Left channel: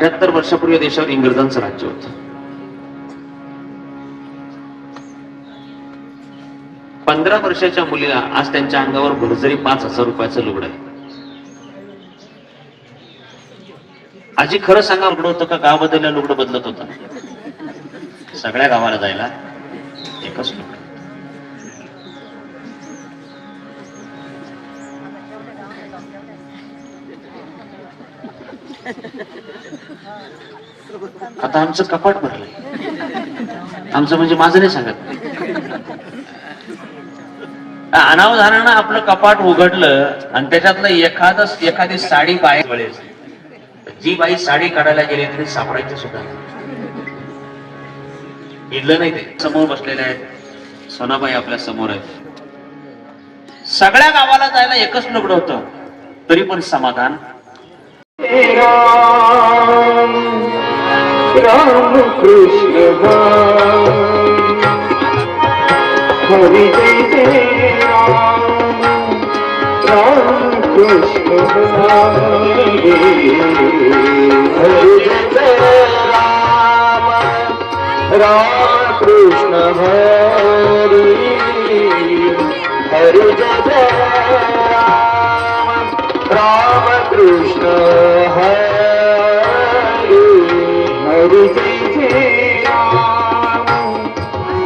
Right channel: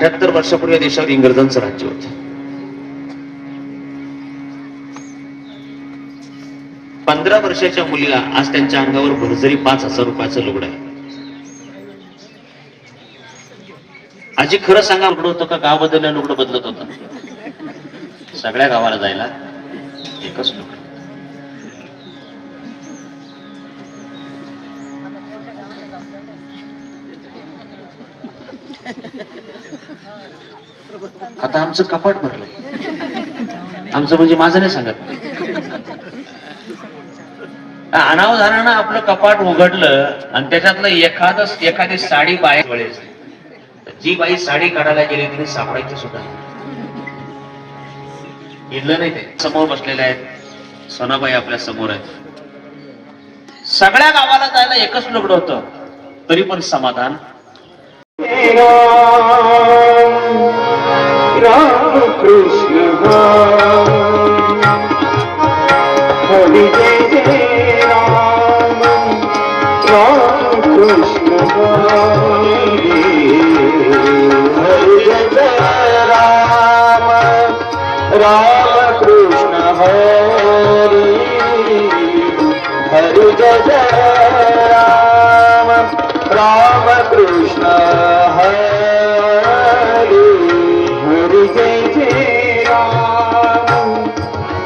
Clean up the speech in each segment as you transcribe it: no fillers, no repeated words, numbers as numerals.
78 वर्षापूर्वी देशावर इंग्रजांचं राज्य होतं. 15 वर्षाच्या मुलीला आज त्यांच्या अंगावर भरजरी 5,000 रुपयाचं लुगडं आहे. आजी खरं सांगा, लुगडं होतं का गावाबद्दल लुगडं बदलत होतं? सगळ्या गावाला जायला एकच लुगडं. आता आमचं कपाट भरलंय. आमचं म्हणजे माझं नाही सांगत. अनावधानानं आपलं कपाट उघडलं आणि त्याच्यातलं एखादी साडी बाहेर पडेल. जी बाई साडी काढायला गेली तिने सापडायची सुद्धा इडलं नाही. ते समोर बसलेले आहेत, सोनाबाई आपल्या समोर आहेत. सगळ्या गावाला जायला एकच लुगडं होतं, तरी पण समाधान. राम कृष्ण हरि जय राम, राम कृष्ण हरि जय राम, राम कृष्ण हरि हरि जय राम, राम कृष्ण हरि जय जय राम,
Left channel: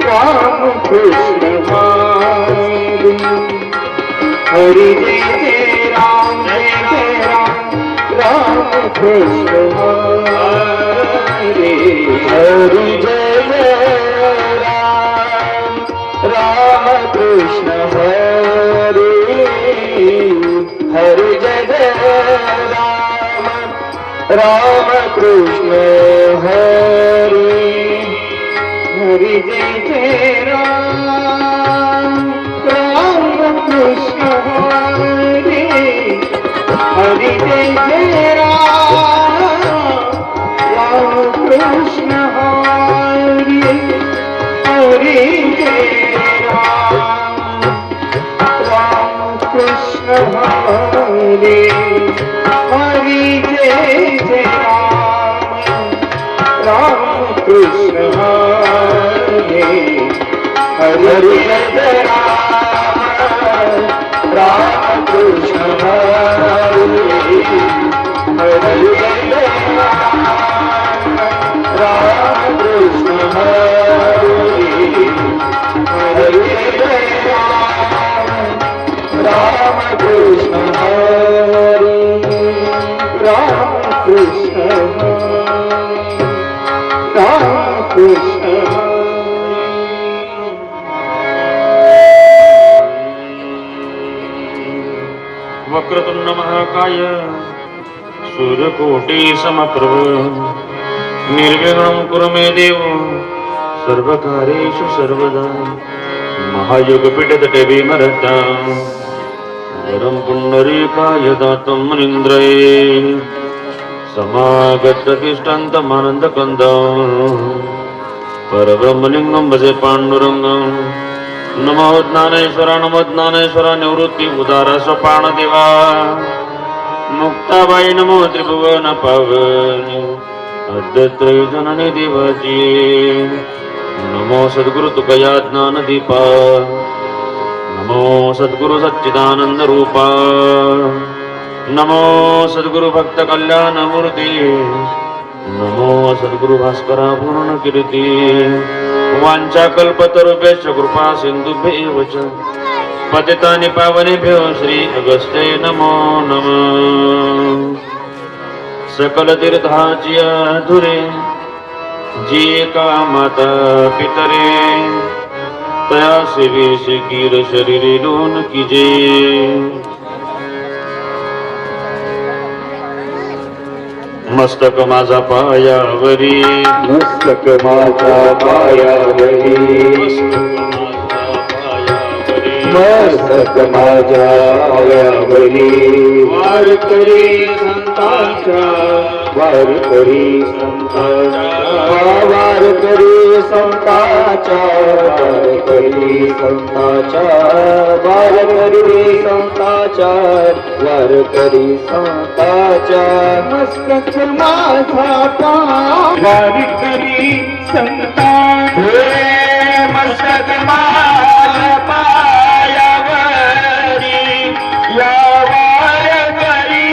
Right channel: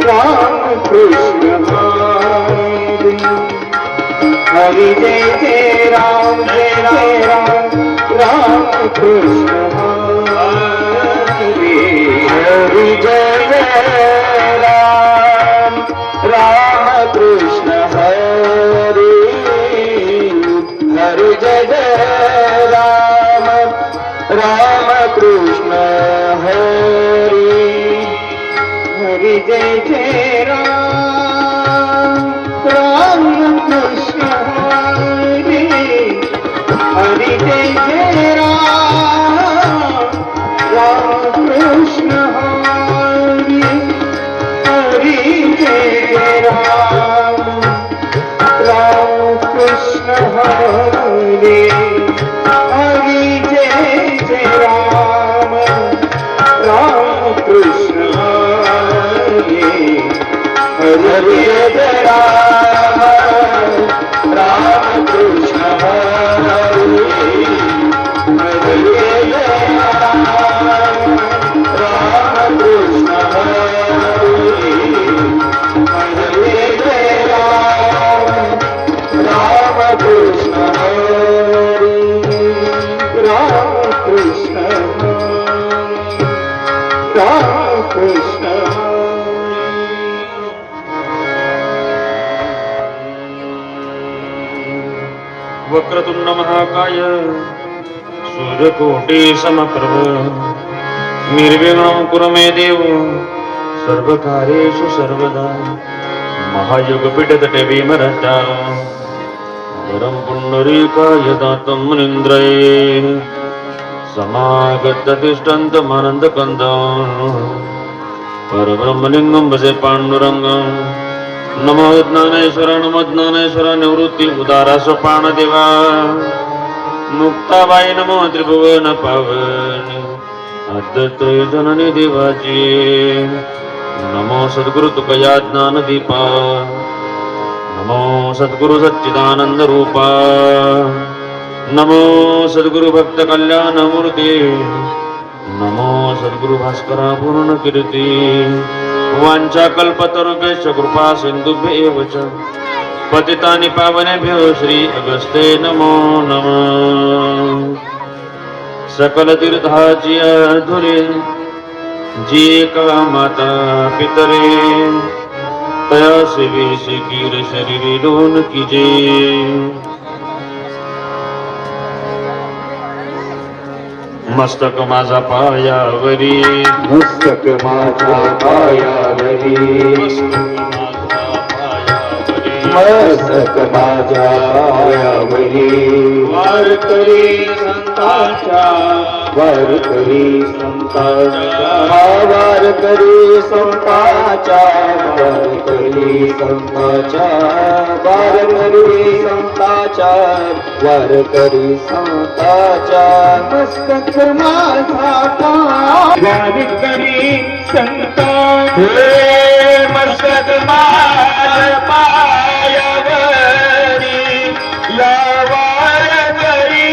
राम कृष्ण हरि जय जय राम, जय राम, राम कृष्ण हरि जय जय राम, राम कृष्ण हरि जय जय राम, राम कृष्ण हरि जय जय राम, राम कृष्ण हरि जय जय राम, राम कृष्ण हरि जय राम, राम कृष्ण हरि जय जय राम, राम कृष्ण हरि जय जय राम, राम कृष्ण हरि जय जय राम, राम कृष्ण हरि जय जय राम, राम कृष्ण राम कृष्ण राम कृष्ण. वक्रतुंड महाकाय सूर्यकोटि समप्रभ निर्विघ्नं कुरु मे देव सर्वकार्येषु सर्वदा. महायुगपीठतटे भीमरता वरं पुण्डरीकाय दातं मुनीन्द्रये समागततिष्ठन्तमानन्दकन्दं परब्रह्मलिङ्गं भजे पाण्डुरङ्गं. नमो ज्ञानेश्वर निवृत्ति उदारा सोपानदेवा मुक्ताबाई नमो त्रिभुवन पावन अद्वैत जननी देवाची. नमो सद्गुरु तुकया ज्ञानदीपा, नमो सद्गुरु सच्चिदानंद रूपा, नमो सद्गुरु भक्त कल्याण मूर्ती, नमो सद्गुरु भास्करा पूर्ण कीर्ती. वांछा कल्पतरुभ्यश्च कृपा सिंधुभ्यैव च पतितानि पावनेभ्यो श्री अगस्ते नमो नमः. सकल तीर्थाची धुरे जी का माता पितरे तया सेवे कीर शरीरे लोन कीजे. मस्तक माझा पायावरी, मस्तक माझा पायावरी, मस्तक माझ्या पायावरी वारकरी संतांच्या वारकरी संतांच्या वारकरी संतांच्या वारकरी संतांच्या वारकरी संतांच्या वारकरी संतांच्या मस्तक माझा वारकरी संता हे मस्तक माझ्या पायावरी या वारकरी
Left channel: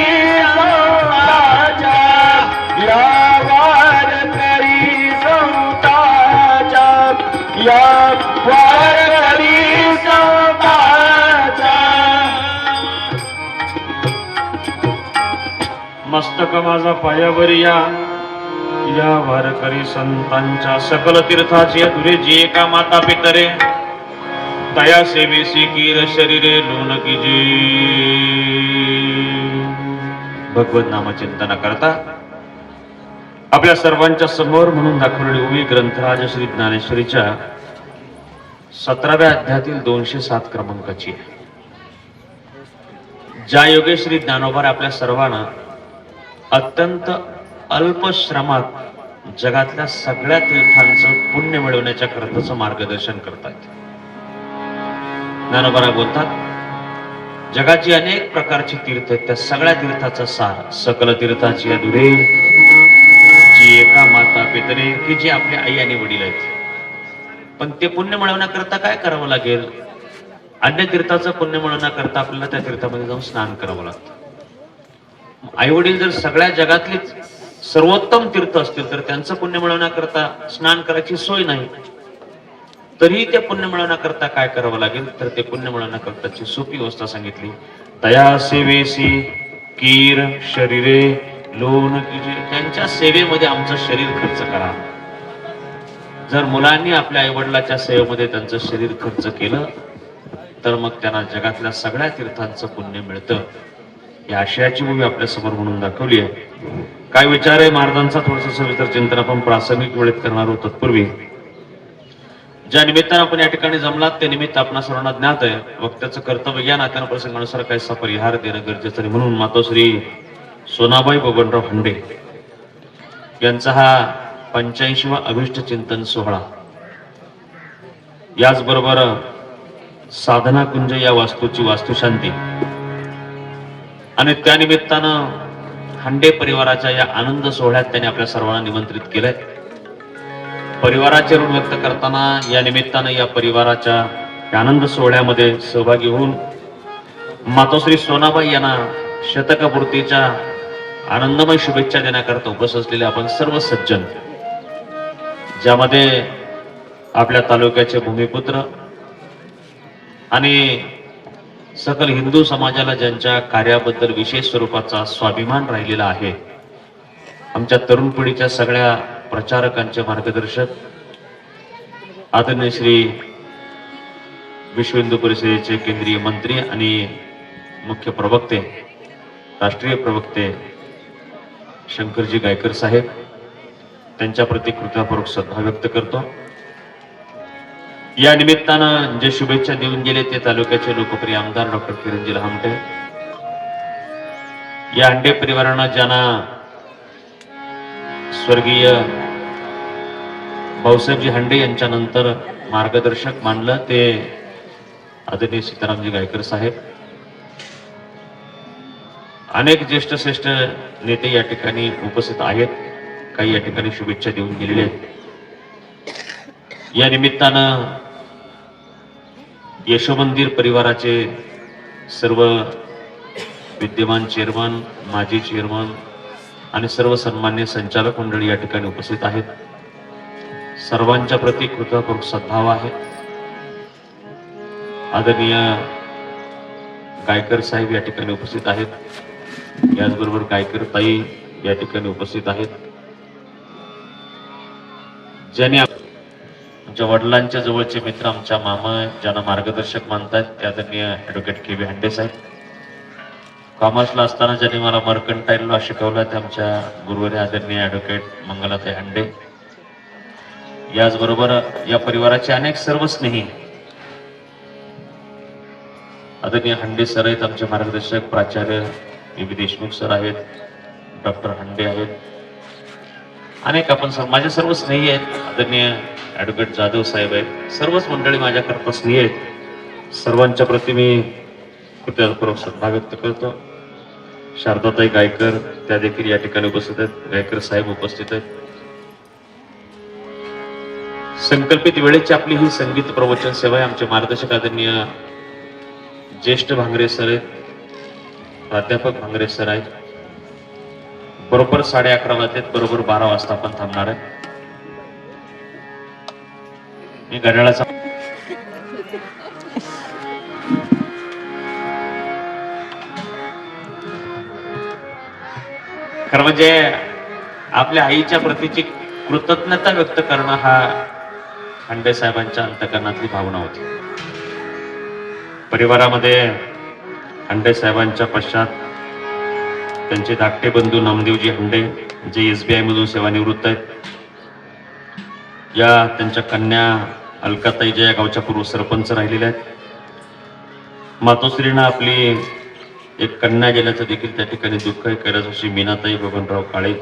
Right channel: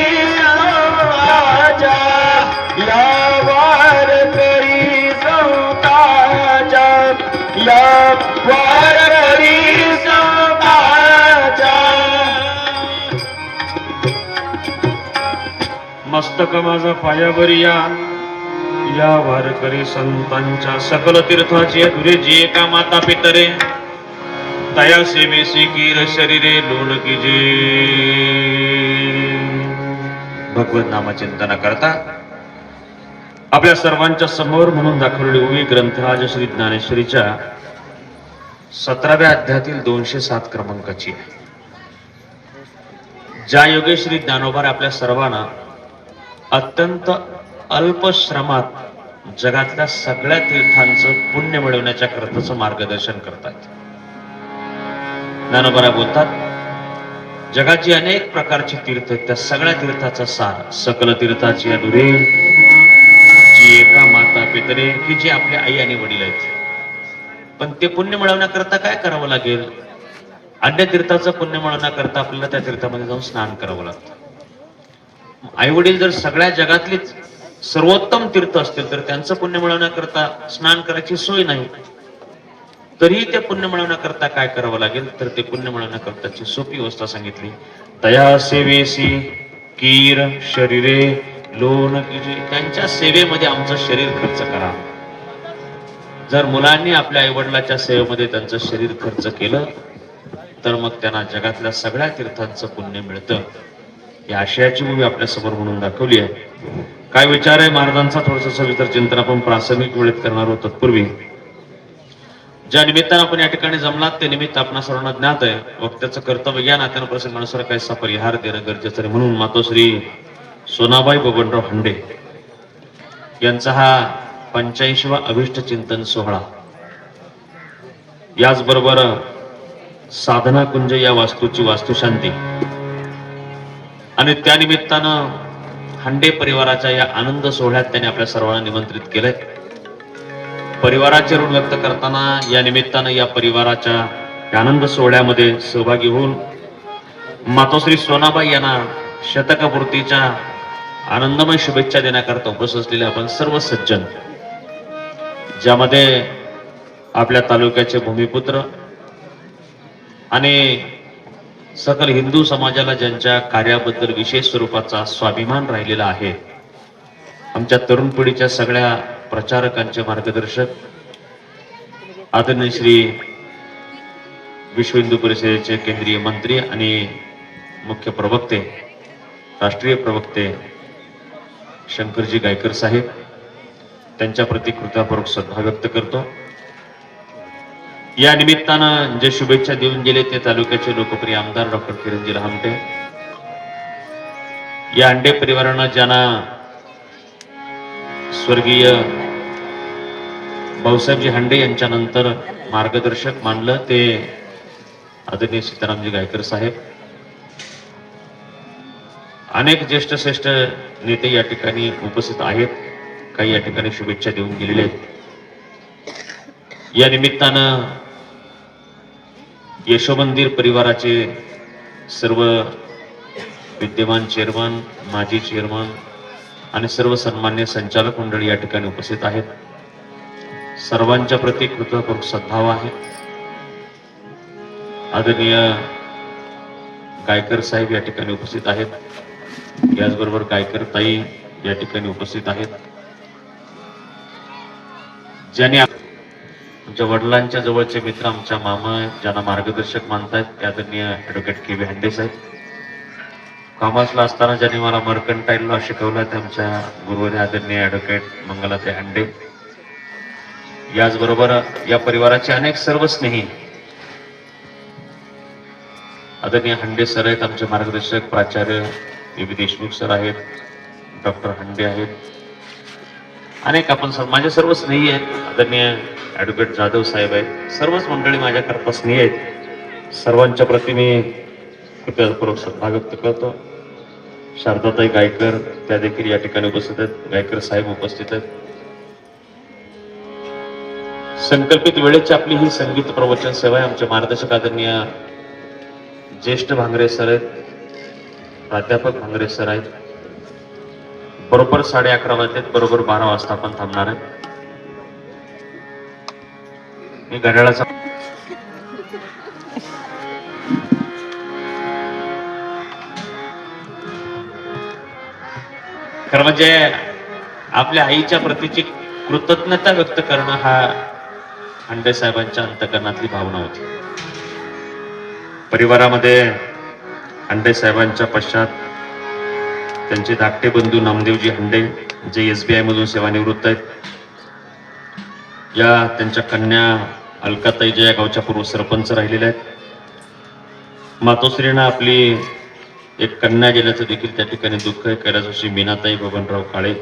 संतांच्या या वारकरी संतांच्या या वारकरी संतांच्या मस्तक माझा पायावरी या वारकरी संतांच्या सकल तीर्थाची तुरे जी एका माता पितरे तया सेवेसी कीर शरीरे लोन कीजी. भगवत नामचिंतन करता आपल्या सर्वांच्या समोर म्हणून दाखवलेली उभी ग्रंथराज श्री ज्ञानेश्वरीच्या 17व्या अध्यायातील 207 क्रमांकाची आहे. ज्या योगे श्री ज्ञानोबा आपल्या सर्वांना अत्यंत अल्प श्रमात जगातल्या सगळ्या तीर्थांचं पुण्य मिळवण्याच्या करताचं मार्गदर्शन करतात. ज्ञानोबा बोलतात जगाची अनेक प्रकारची तीर्थ आहेत, त्या सगळ्या तीर्थाचा सार सकल तीर्थाची अधुरे जी एका माता पितरे की जी आपली आई आणि वडील आहेत. पण ते पुण्य मिळवण्याकरता काय करावं लागेल? अन्य तीर्थाचं पुण्य मिळवण्याकरता आपल्याला त्या तीर्थामध्ये जाऊन स्नान करावं लागतं. आई वडील जर सगळ्या जगातलीच सर्वोत्तम तीर्थ असतील तर त्यांचं पुण्य मिळवण्याकरता स्नान करायची सोय नाही. तरीही ते पुण्य मिळवण्याकरता काय करावं लागेल? तर ते पुण्य मिळवण्याकरताची सोपी व्यवस्था सांगितली. तया सेवेसी कीर शरीरे लोन कीजे. त्यांच्या सेवेमध्ये आमचं शरीर खर्च करा. जर मुलांनी आपल्या आई वडिलाच्या सेवेमध्ये त्यांचं शरीर खर्च केलं तर मग त्यांना जगातल्या सगळ्या तीर्थांचं पुण्य मिळतं. या आशयाची भूमी आपल्या समोर म्हणून दाखवली आहे. काय विचार आहे महाराजांचा थोडस सविस्तर चिंतन आपण प्रासंगिक वेळेत करणार आहोत. तत्पूर्वी ज्या निमित्तानं आपण या ठिकाणी जमलात ते निमित्त आपणा सर्वांना ज्ञात आहे. वक्त्याचं कर्तव्य या नात्यानं प्रसंगानुसार काहीसा परिहार देणं गरजेचं आहे. म्हणून मातोश्री सोनाबाई बबनराव हंडे यांचा हा 85वा अभिष्ट चिंतन सोहळा, याचबरोबर साधना कुंज या वास्तूची वास्तुशांती आणि त्या निमित्तानं हंडे परिवाराच्या या आनंद सोहळ्यात त्यांनी आपल्या सर्वांना निमंत्रित केलंय. परिवाराचे ऋण व्यक्त करताना या निमित्तानं या परिवाराच्या आनंद सोहळ्यामध्ये सहभागी होऊन मातोश्री सोनाबाई यांना शतकपूर्तीच्या आनंदमय शुभेच्छा देण्याकरता उपस्थित असलेले आपण सर्व सज्जन, ज्यामध्ये आपल्या तालुक्याचे भूमिपुत्र आणि सकल हिंदू समाजाला ज्यांच्या कार्याबद्दल विशेष स्वरूपाचा स्वाभिमान राहिलेला आहे, आमच्या तरुण पिढीच्या सगळ्या प्रचारकांचे मार्गदर्शक आदरणीय श्री विश्व हिंदू परिषदेचे केंद्रीय मंत्री आणि मुख्य प्रवक्ते, राष्ट्रीय प्रवक्ते शंकरजी गायकर साहेब, त्यांच्या प्रति कृतज्ञतापूर्वक सद्भाव व्यक्त करतो. या निमित्तानं जे शुभेच्छा देऊन गेले ते तालुक्याचे लोकप्रिय आमदार डॉक्टर किरणजी लहामटे, या हंडे परिवारानं ज्यांना स्वर्गीय भाऊसाहेबजी हंडे यांच्या नंतर मार्गदर्शक मानलं ते आदरणीय सीतारामजी गायकर साहेब, अनेक ज्येष्ठ श्रेष्ठ नेते या ठिकाणी उपस्थित आहेत. काही या ठिकाणी शुभेच्छा देऊन गेलेले आहेत. या निमित्तानं यशोमंदिर परिवाराचे सर्व विद्यमान चेअरमन, माजी चेअरमन आणि सर्व सन्मान्य संचालक मंडळी या ठिकाणी उपस्थित आहेत. सर्वांच्या प्रति कृतज्ञतापूर्वक सद्भाव आहे. आदरणीय गायकर साहेब या ठिकाणी उपस्थित आहेत. याचबरोबर गायकर ताई या ठिकाणी उपस्थित आहेत. ज्यांनी आमच्या वडिलांच्या जवळचे मित्र, आमच्या मामा, ज्यांना मार्गदर्शक मानतायत ते आदरणीय ॲडव्होकेट के.व्ही. हंडे साहेब. कॉमर्सला असताना ज्यांनी मला मर्कंटाईलला शिकवलं ते आमच्या गुरुवारी आदरणीय ॲडव्होकेट मंगलाताई हंडे. याचबरोबर या परिवाराचे अनेक सर्व स्नेही आदरणीय हंडे सर आहेत, आमचे मार्गदर्शक प्राचार्य बी देशमुख सर आहेत, डॉक्टर हंडे आहेत, अनेक आपण माझ्या सर्व स्नेही आहेत. आदरणीय ऍडव्होकेट जाधव साहेब आहेत, सर्वच मंडळी माझ्याकरता स्नेही आहेत. सर्वांच्या प्रती मी कृतज्ञतापूर्वक श्रद्धा व्यक्त करतो. शारदाताई गायकर त्या देखील या ठिकाणी उपस्थित आहेत, गायकर साहेब उपस्थित आहेत. संकल्पित वेळेची आपली ही संगीत प्रवचन सेवा आहे. आमचे मार्गदर्शक आदरणीय ज्येष्ठ भांगरे सर आहेत, प्राध्यापक भांगरे सर आहेत. बरोबर 11:30 वाजलेत, बरोबर 12 वाजता आपण थांबणार आहे. मी घड्याळाचा खरं म्हणजे आपल्या आईच्या प्रतीची कृतज्ञता व्यक्त करणं हा हंडे साहेबांच्या अंतकरणातली भावना होती. परिवारामध्ये हंडे साहेबांच्या पश्चात त्यांचे धाकटे बंधू नामदेवजी हंडे, जे SBI मधून सेवानिवृत्त आहेत. या त्यांच्या कन्या अलकाताई, जे या गावच्या पूर्व सरपंच राहिलेल्या आहेत. मातोश्रींना आपली एक कन्या गेल्याचं देखील त्या ठिकाणी दुःख आहे. कैलासवासी मीनाताई बबनराव काळे,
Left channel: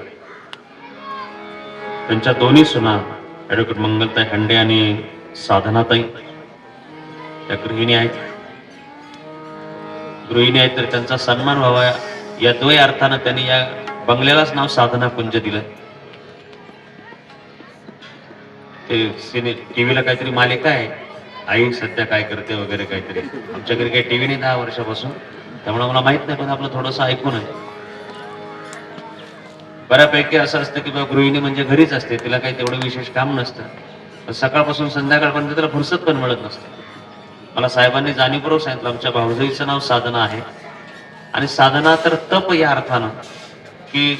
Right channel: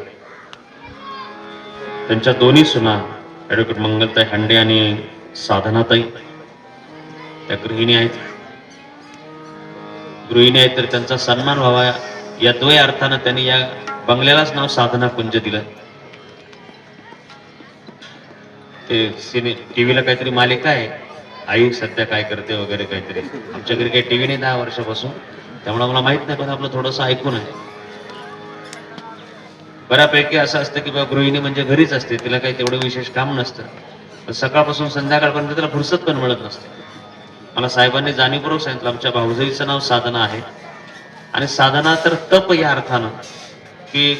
त्यांच्या दोन्ही सुना ऍडव्होकेट मंगलताई हंडे आणि साधनाताई त्या गृहिणी आहेत. तर त्यांचा सन्मान व्हावा या द्वय अर्थानं त्यांनी या बंगल्यालाच नाव साधना कुंज दिलं. ते टीव्हीला काहीतरी मालिका आहे, आई सध्या काय करते वगैरे काहीतरी. आमच्या घरी काही टीव्ही नाही 10 वर्षापासून, त्यामुळे मला माहित नाही, पण आपलं थोडंसं ऐकून आहे. बऱ्यापैकी असं असतं की बाबा गृहिणी म्हणजे घरीच असते, तिला काही तेवढं विशेष काम नसतं. पण सकाळपासून संध्याकाळपर्यंत त्याला फुरसत पण मिळत नसते. मला साहेबांनी जाणीवपूर्वक सांगितलं, आमच्या भाऊजाईचं नाव साधना आहे. आणि साधना तर तप या अर्थानं की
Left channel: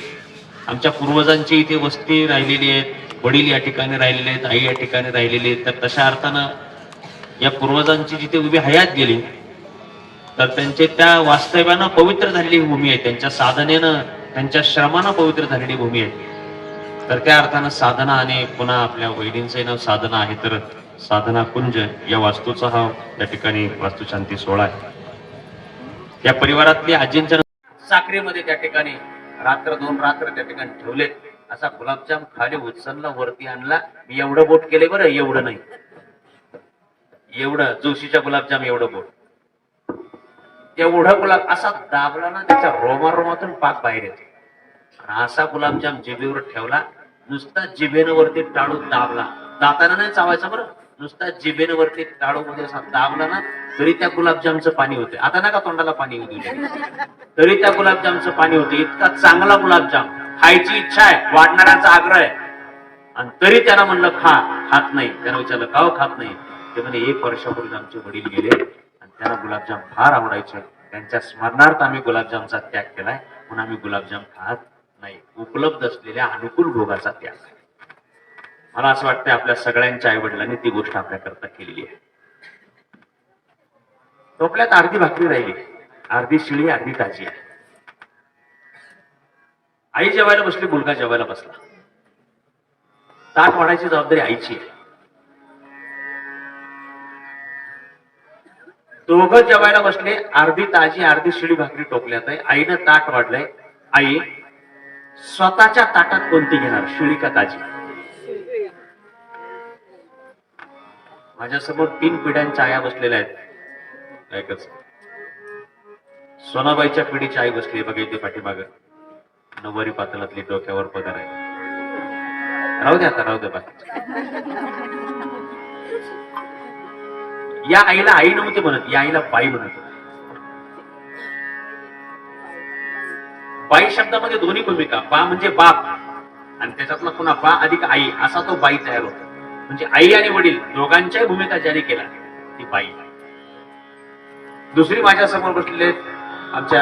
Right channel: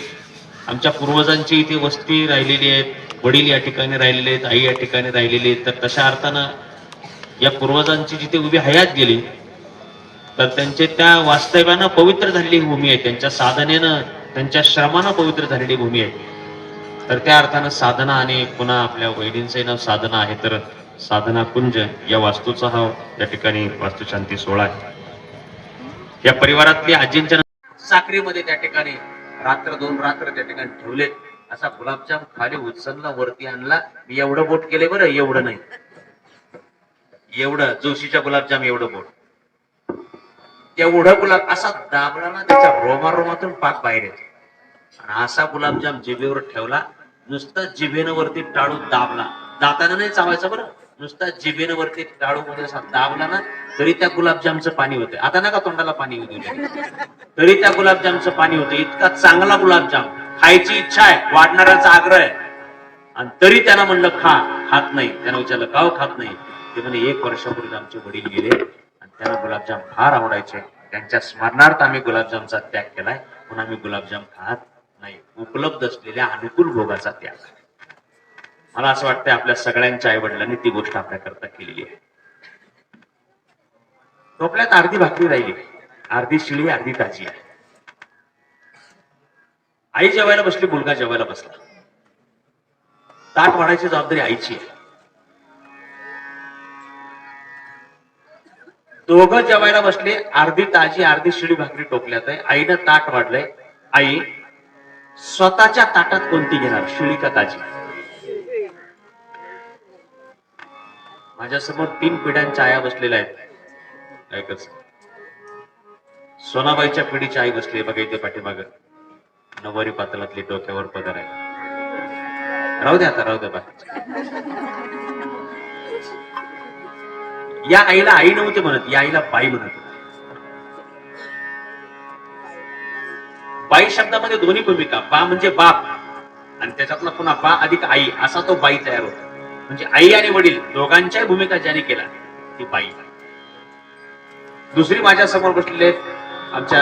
आमच्या पूर्वजांची इथे वस्ती राहिलेली आहे, वडील या ठिकाणी राहिलेले आहेत, आई या ठिकाणी राहिलेली आहेत. तर तशा अर्थानं या पूर्वजांची जिथे उभी हयात गेली, तर त्यांचे त्या वास्तव्यानं पवित्र झालेली भूमी आहे, त्यांच्या साधनेनं, त्यांच्या श्रमानं पवित्र झालेली भूमी आहे. तर त्या अर्थानं साधना, आणि पुन्हा आपल्या वैदींचं नाव साधना आहे. तर साधना कुंज या वास्तूचा हा या ठिकाणी वास्तुशांती सोहळा आहे. या परिवारातली आजींच्या साखरेमध्ये त्या ठिकाणी रात्र 2 रात्र त्या ठिकाणी ठेवलेत. असा गुलाबजाम खाली उचलला, वरती आणला. मी एवढं बोट केले बरं, एवढं नाही, एवढं जोशीच्या गुलाबजाम एवढं बोट, तेवढं गुलाब असा दाबला ना, त्याचा रोमारोमातून पाक बाहेर येतो. आणि असा गुलाबजाम जिभेवर ठेवला, नुसता जिभेनं वरती टाळू दाबला, दाताना नाही चावायचा बरं, नुसता जिभेनं वरती टाळू मध्ये असा दाबला ना, तरी त्या गुलाबजामचं पाणी होते. आता नका तोंडाला पाणी येऊ दिले, तरी त्या गुलाबजामचं पाणी होते. इतका चांगला गुलाबजाम, खायची इच्छा आहे, वाढणाऱ्याचा आग्रह आहे, आणि तरी त्यांना म्हणलं खा, खात नाही. त्यानं विचारलं का खात नाही? ते म्हणे 1 वर्षापूर्वी आमचे वडील गेले आणि त्यांना गुलाबजाम फार आवडायचे, त्यांच्या स्मरणार्थ आम्ही गुलाबजामचा त्याग केलाय, म्हणून आम्ही गुलाबजाम खात नाही. उपलब्ध असलेल्या अनुकूल भोगाचा त्याग. मला असं वाटतं आपल्या सगळ्यांच्या आई वडिलांनी ती गोष्ट आपल्याकरता केलेली आहे. टोपल्यात अर्धी भाकरी राहिली, अर्धी शिळी, अर्धी ताजी आहे. आई जेवायला बसली, मुलगा जेवायला बसला. ताट वाढायची जबाबदारी आईची आहे. दोघं जेवायला बसले, अर्धी ताजी अर्धी शिळी भाकरी टोपल्यात आहे. आईनं ताट वाढलंय. आई स्वतःच्या ताटात कोणती घेणार, शिळी का ताजी? माझ्यासमोर 3 पिढ्यांच्या आया बसलेल्या आहेत. सोनाबाईच्या पिढीची आई बसली बघा इथे पाठीमाग, नववारी पातळातली, डोक्यावर पदर आहे. राहू द्या आता, राहू द्या बाकी. या आईला आई नव्हते म्हणत, या आईला बाई म्हणत. बाई शब्दामध्ये दोन्ही भूमिका, बा म्हणजे बाप, आणि त्याच्यातला पुन्हा बा अधिक आई, असा तो बाई तयार होतो. म्हणजे आई आणि वडील दोघांच्या भूमिका ज्याने केला ती बाई. दुसरी माझ्या समोर बसलेले आमच्या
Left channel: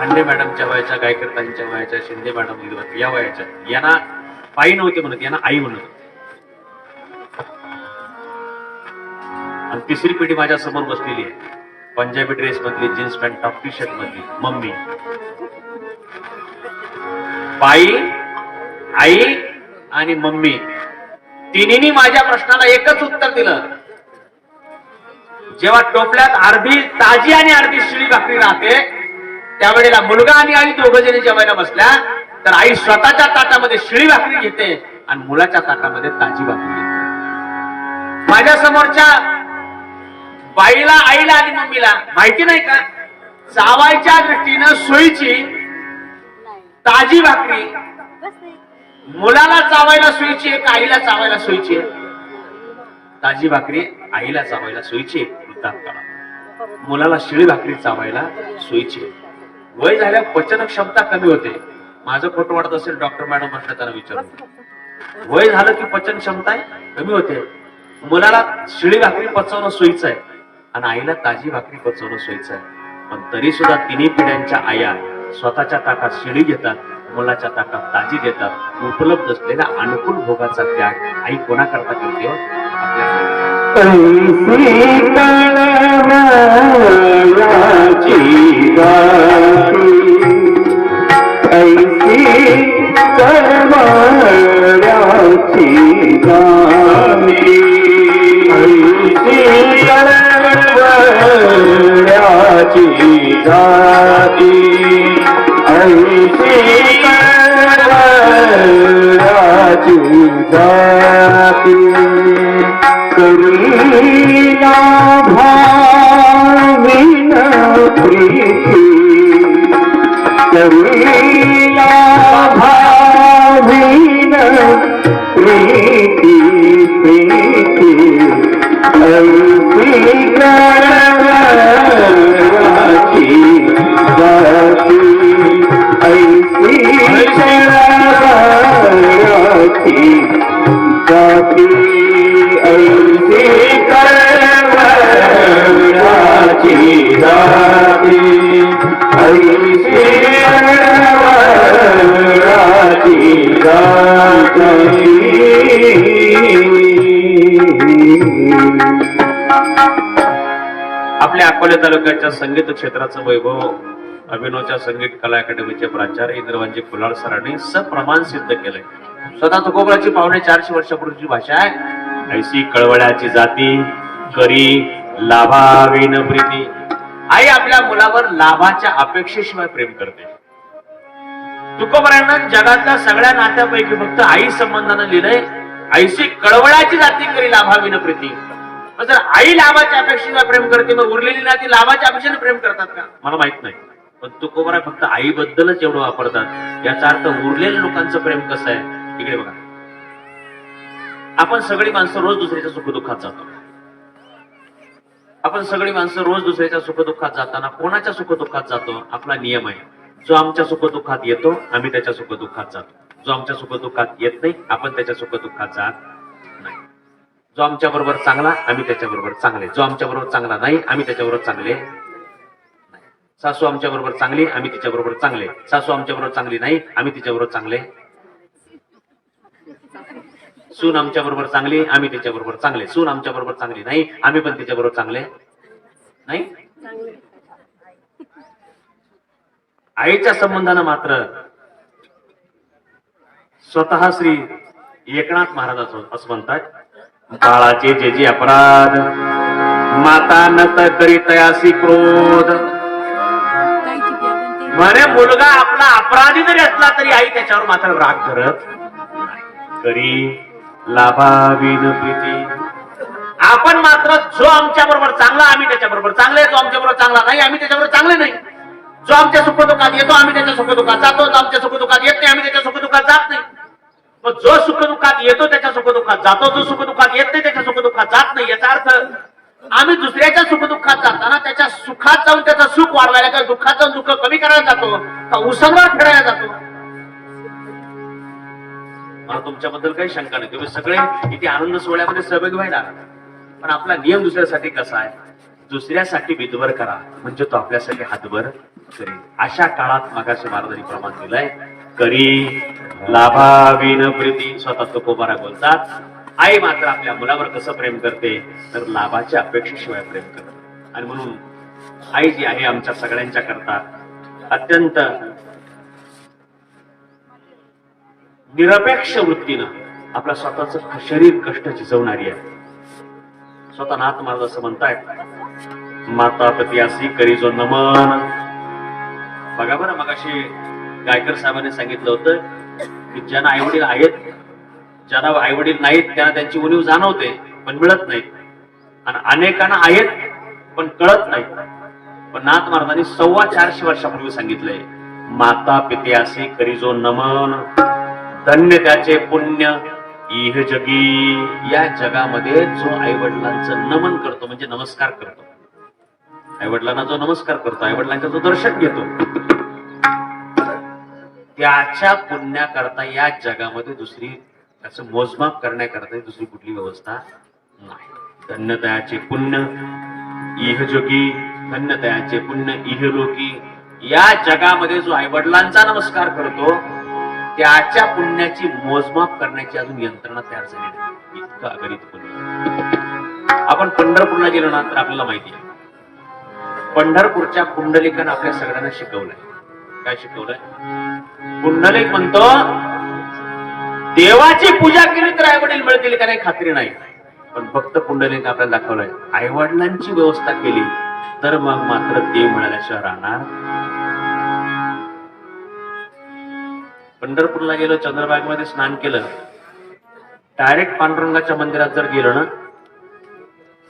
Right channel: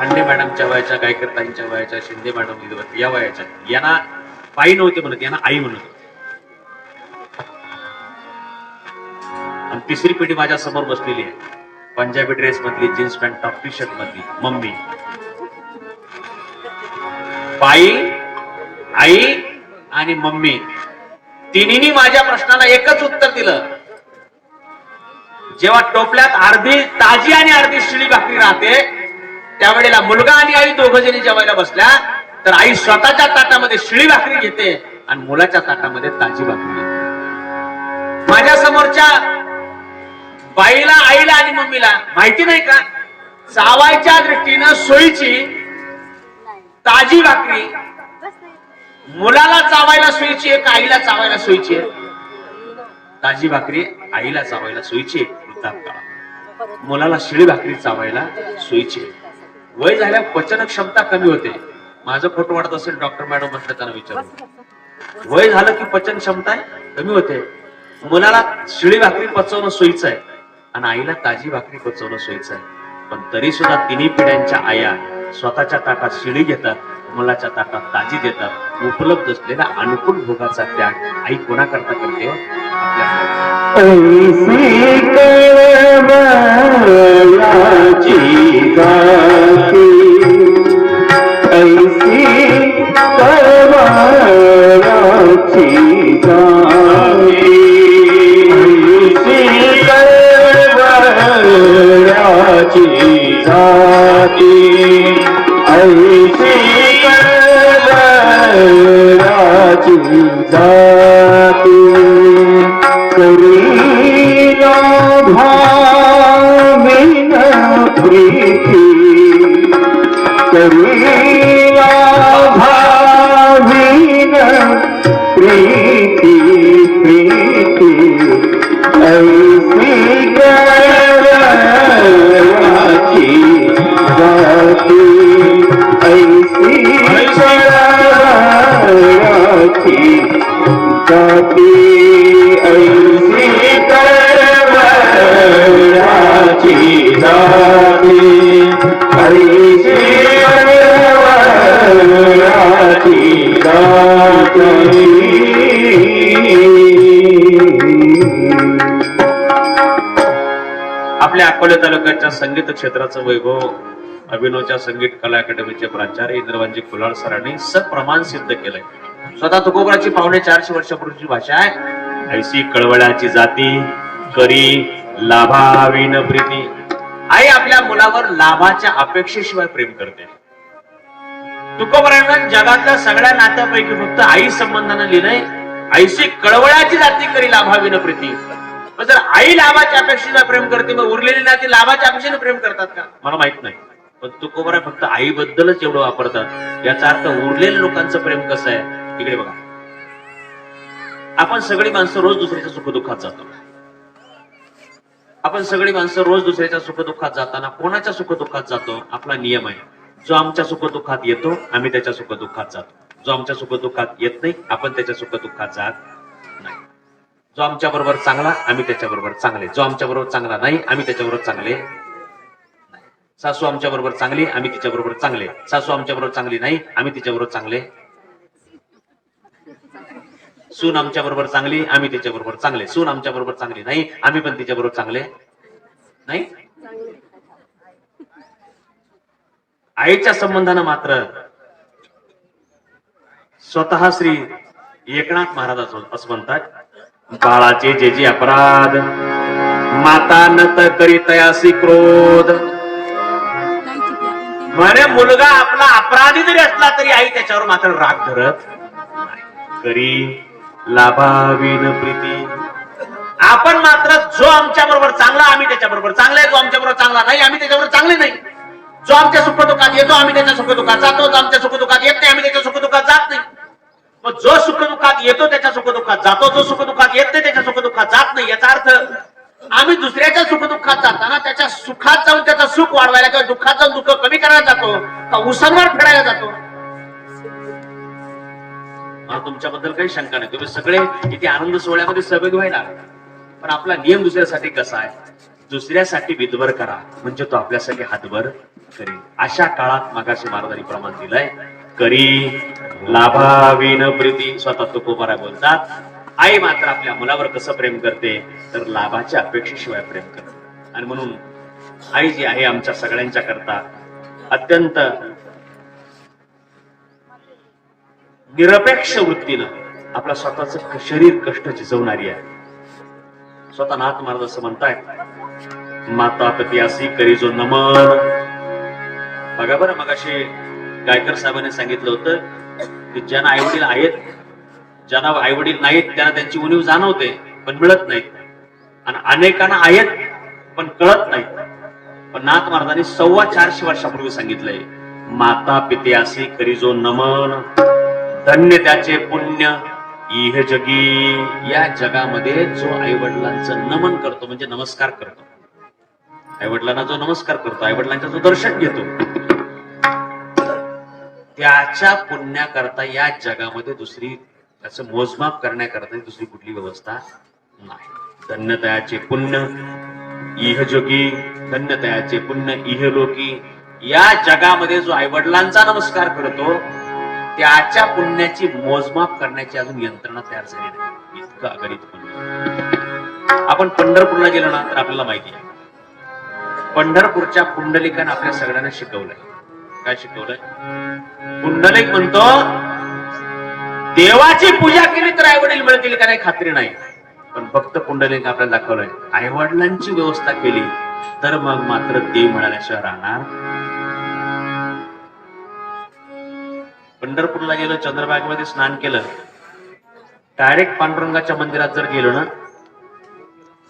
हंडे मॅडमच्या वयाच्या, गायकर ताईंच्या वयाच्या, शिंदे मॅडम या वयाच्या, यांना बाई नव्हते म्हणत, यांना आई म्हणत. आणि तिसरी पिढी माझ्या समोर बसलेली आहे, पंजाबी ड्रेस मधली, jeans pant, top T shirt मधली मम्मी. बाई, आई आणि मम्मी, तिन्ही माझ्या प्रश्नाला एकच उत्तर दिलं, जेव्हा टोपल्यात अर्धी ताजी आणि अर्धी शिळी भाकरी राहते, त्यावेळेला मुलगा आणि आई दोघ जणी जेवायला बसल्या तर आई स्वतःच्या ताटामध्ये शिळी भाकरी घेते आणि मुलाच्या ताटामध्ये ताजी भाकरी घेते. माझ्या समोरच्या बाईला, आईला आणि मम्मीला माहिती नाही का, चावायच्या दृष्टीनं सोयीची ताजी भाकरी मुलाला चावायला सोयीची आहे का आईला चावायला सोयीची आहे? ताजी भाकरी आईला चावायला सोयीची आहे वृद्धापकाळात, मुलाला शिळी भाकरी चावायला सोयीची आहे. वय झाल्या पचन क्षमता कमी होते. माझं खोटं वाटत असेल डॉक्टर मॅडम म्हटलं त्यांना विचारू, वय झालं की पचन क्षमता कमी होते. मुलाला शिळी भाकरी पचवणं सोयीचं आहे आणि आईला ताजी भाकरी पचवणं सोयीचं आहे. पण तरी सुद्धा तिन्ही पिढ्यांच्या आया स्वतःच्या ताटात शिळी घेतात, मुलाच्या ताटात ताजी देतात. उपलब्ध असलेल्या अनुकूल भोगाचा त्याग आई कोणाकरता करते? आपल्या अकोले तालुक्याच्या संगीत क्षेत्राचं वैभव अभिनवच्या संगीत कला अकॅडमीचे प्राचार्य इंद्रवांजी कुलाळ सरांनी सप्रमाण सिद्ध केलंय. स्वतः तुकोबराची 450 वर्षापूर्वीची भाषा आहे. ऐसी कळवळ्याची जाती करी लाभाविन प्रीती. आई आपल्या मुलावर लाभाच्या अपेक्षेशिवाय प्रेम करते. तुकोबरानं जगातल्या सगळ्या नात्यापैकी फक्त आई संबंधानं लिहिलंय, ऐसी कळवळ्याची जाती करी लाभाविन प्रीती. जर आई लाभाच्या अपेक्षेला प्रेम करते, मग उरलेली नाती लाभाच्या अपेक्षेने प्रेम करतात का? मला माहित नाही. पण तुकोबरा फक्त आईबद्दलच एवढं वापरतात. याचा अर्थ उरलेल्या लोकांचं प्रेम कसं आहे? इकडे बघा, आपण सगळी माणसं रोज दुसऱ्याच्या सुखदुःखात जातो. आपण सगळी माणसं रोज दुसऱ्याच्या सुखदुःखात जाताना कोणाच्या सुखदुःखात जातो? आपला नियम आहे, जो आमच्या सुखदुःखात येतो आम्ही त्याच्या सुखदुःखात जातो, जो आमच्या सुखदुःखात येत नाही आपण त्याच्या सुखदुःखात जात नाही. जो आमच्या बरोबर चांगला आम्ही त्याच्या बरोबर चांगले, जो आमच्या बरोबर चांगला नाही आम्ही त्याच्याबरोबर चांगले. सासू आमच्या बरोबर चांगली आम्ही तिच्या बरोबर चांगले, सासू आमच्या बरोबर चांगली नाही आम्ही तिच्या बरोबर चांगले. सून आमच्या बरोबर चांगली आम्ही तिच्या बरोबर चांगले, सून आमच्या बरोबर चांगली नाही आम्ही पण तिच्या बरोबर चांगले नाही. आईच्या संबंधानं मात्र स्वतः श्री एकनाथ महाराज असं म्हणतात, बाळाचे जे जे अपराध माता नत करीतयासी क्रोध. म्हणे मुलगा आपला अपराधी जरी असला तरी आई त्याच्यावर मात्र राग धरत करी लाभाविन प्रीती. आपण मात्र जो आमच्या बरोबर चांगला आम्ही त्याच्या बरोबर चांगले, जो आमच्या बरोबर चांगला नाही आम्ही त्याच्याबरोबर चांगले नाही. जो आमच्या सुखदुःखात येतो आम्ही त्याच्या सुखदुःखात जातो, जो आमच्या सुखदुःखात येत नाही आम्ही त्याच्या सुखदुःखात जात नाही. मग जो सुखदुःखात येतो त्याच्या सुखदुःखात जातो, जो सुखदुःखात येत नाही त्याच्या सुखदुःखात जात नाही. याचा अर्थ आम्ही दुसऱ्याच्या सुखदुःखात जाताना त्याच्या सुखात जाऊन त्याचं सुख वाढवायला किंवा दुःखात जाऊन दुःख कमी करायला जातो का उसनवर फेडायला जातो? मला तुमच्याबद्दल काही शंका नाही, तुम्ही सगळे किती आनंद सोहळ्यामध्ये सहभागी व्हायला. पण आपला नियम दुसऱ्यासाठी कसा आहे? दुसऱ्यासाठी विधवर करा म्हणजे तो आपल्यासाठी हातभर करी. अशा काळात मागाशी महाराजांनी प्रमाण दिलंय, करी लाभाविन प्रीती. स्वतः तुकोबारा बोलतात, आई मात्र आपल्या मुलावर कसं प्रेम करते तर लाभाच्या अपेक्षेशिवाय प्रेम करते. आणि म्हणून आई जी आहे आमच्या सगळ्यांच्या करता अत्यंत निरपेक्ष वृत्तीनं आपला स्वतःच शरीर कष्ट झिजवणारी आहे. स्वतः नाथ महाराज असं म्हणतायत, माता पतियासी करी जो नमन. बघा बरं, मगाशी गायकर साहेबांनी सांगितलं होतं की ज्यांना आई वडील आहेत, ज्यांना आई वडील नाहीत त्यांना त्यांची उणीव जाणवते पण मिळत नाहीत, आणि अनेकांना आहेत पण कळत नाहीत. पण नाथ महाराजांनी 450 वर्षापूर्वी सांगितलंय, माता पित्यासी करी जो नमन, धन्य त्याचे पुण्य इह जगी. या जगामध्ये जो आई वडिलांचं नमन करतो म्हणजे नमस्कार करतो, आई वडिलांना जो नमस्कार करतो, आई वडिलांचं जो दर्शन घेतो, त्याच्या पुण्याकरता या जगामध्ये दुसरी त्याचं मोजमाप करण्याकरता दुसरी कुठली व्यवस्था नाही. धन्यतयाचे पुण्य इह जोगी, धन्यतयाचे पुण्य इह लोकी. या जगामध्ये जो आई वडिलांचा नमस्कार करतो त्याच्या पुण्याची मोजमाप करण्याची अजून यंत्रणा तयार झाली नाही. इतकं अगणित पुण्य. आपण पंढरपूरला गेलो ना तर आपल्याला माहिती आहे, पंढरपूरच्या पुंडलिकानं आपल्या सगळ्यांना शिकवलंय. काय शिकवलंय? पुंडलिक म्हणतो देवाची पूजा केली तर आई वडील मिळतील का नाही खात्री नाही, पण फक्त पुंडलिक आपल्याला दाखवलंय आई वडिलांची व्यवस्था केली तर मग मात्र देव मिळाल्याशिवाय राहणार. पंढरपूरला गेलो, चंद्रभागेमध्ये स्नान केलं, डायरेक्ट पांडुरंगाच्या मंदिरात जर गेलो ना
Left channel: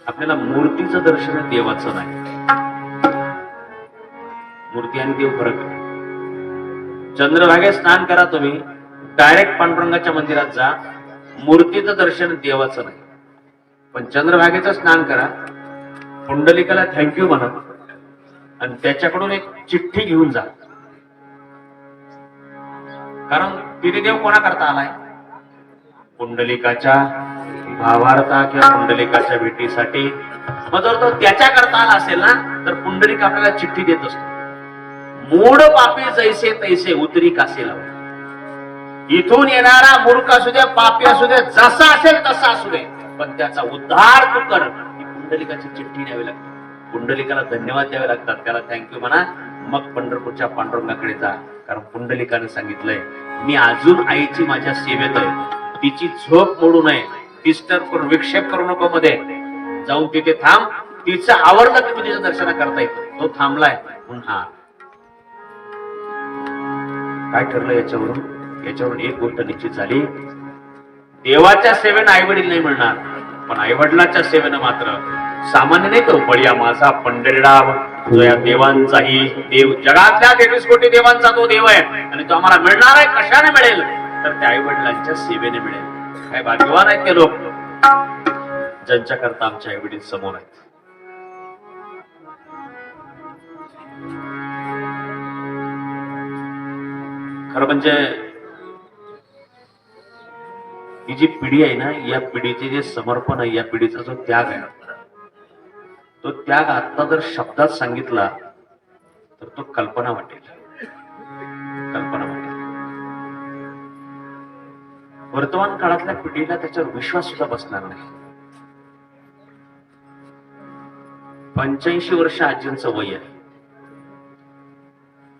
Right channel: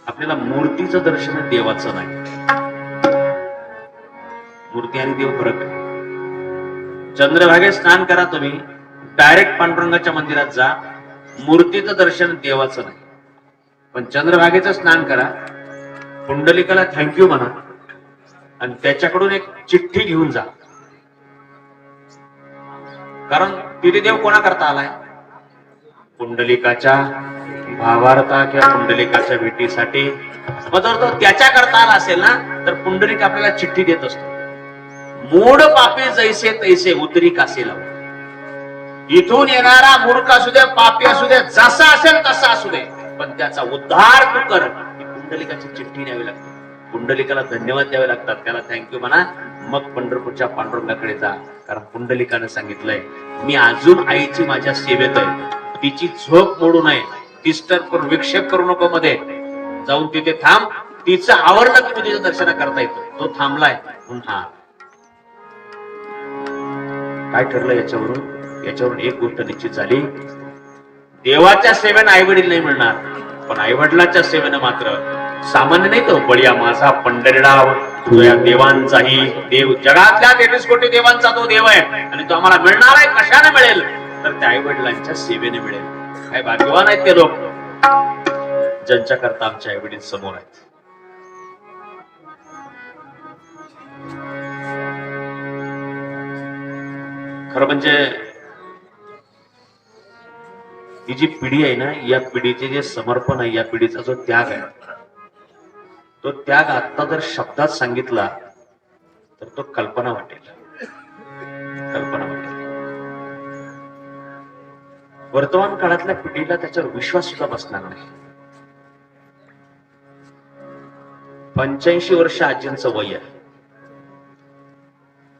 आपल्याला मूर्तीचं दर्शन देवाचं नाही. मूर्ती आणि देव फरक आहे. चंद्रभागेत स्नान करा तुम्ही, डायरेक्ट पांडुरंगाच्या मंदिरात जा, मूर्तीचं दर्शन देवाचं नाही. पण चंद्रभागेचं स्नान करा, पुंडलिकाला थँक्यू म्हणा आणि त्याच्याकडून एक चिठ्ठी घेऊन जा, कारण तिथे देव कोणा करता आलाय? पुंडलिकाच्या भावार्था किंवा पुंडलिकाच्या भेटीसाठी. मग जर तो त्याच्या करता आला असेल ना तर पुंडलिक आपल्याला चिठ्ठी देत असतो, मूड पापी जैसे तैसे उतरी कासे लावू. इथून येणारा मूर्ख असू दे, पापी असू दे, जसा असेल तसा असू दे, पण त्याचा उद्धार तू कर. ही पुंडलिकाची चिठ्ठी न्यावी लागते, पुंडलिकाला धन्यवाद द्यावे लागतात, त्याला थँक्यू म्हणा, मग पंढरपूरच्या पांडुरंगाकडे जा. कारण पुंडलिकानं सांगितलंय मी अजून आईची माझ्या सेवेत आहे, तिची झोप मोडू नये, डिस्टर्ब करून विक्षेप करू नको, मध्ये जाऊन तिथे थांब, तिचं आवरलं की तुझ्या दर्शन करता येतो. तो थांबलाय पुन्हा. काय ठरलं याच्यावरून एक गोष्ट निश्चित झाली, देवाच्या सेवेनं आई वडील नाही मिळणार, पण आई वडिलाच्या सेवेनं मात्र सामान्य नाही. तो बळीया माझा पंढरीराव तुझ्या देवांचाही देव, जगातल्या 23 कोटी देवांचा तो देव आहे आणि तो आम्हाला मिळणार आहे. कशाने मिळेल? तर त्या आई वडिलांच्या सेवेने मिळेल. काय भाग्यवान आहेत ते लोक ज्यांच्या करता आमचे आई वडील समोर आहेत. खरं म्हणजे ही जी पिढी आहे ना, या पिढीचे जे समर्पण आहे, या पिढीचा जो त्याग आहे, तो त्याग आता जर शब्दात सांगितला तर तो कल्पना वाटेल. वर्तमान काळातल्या पिढीला त्याच्यावर विश्वास सुद्धा बसणार नाही. 85 वर्ष आजींचं वय आहे.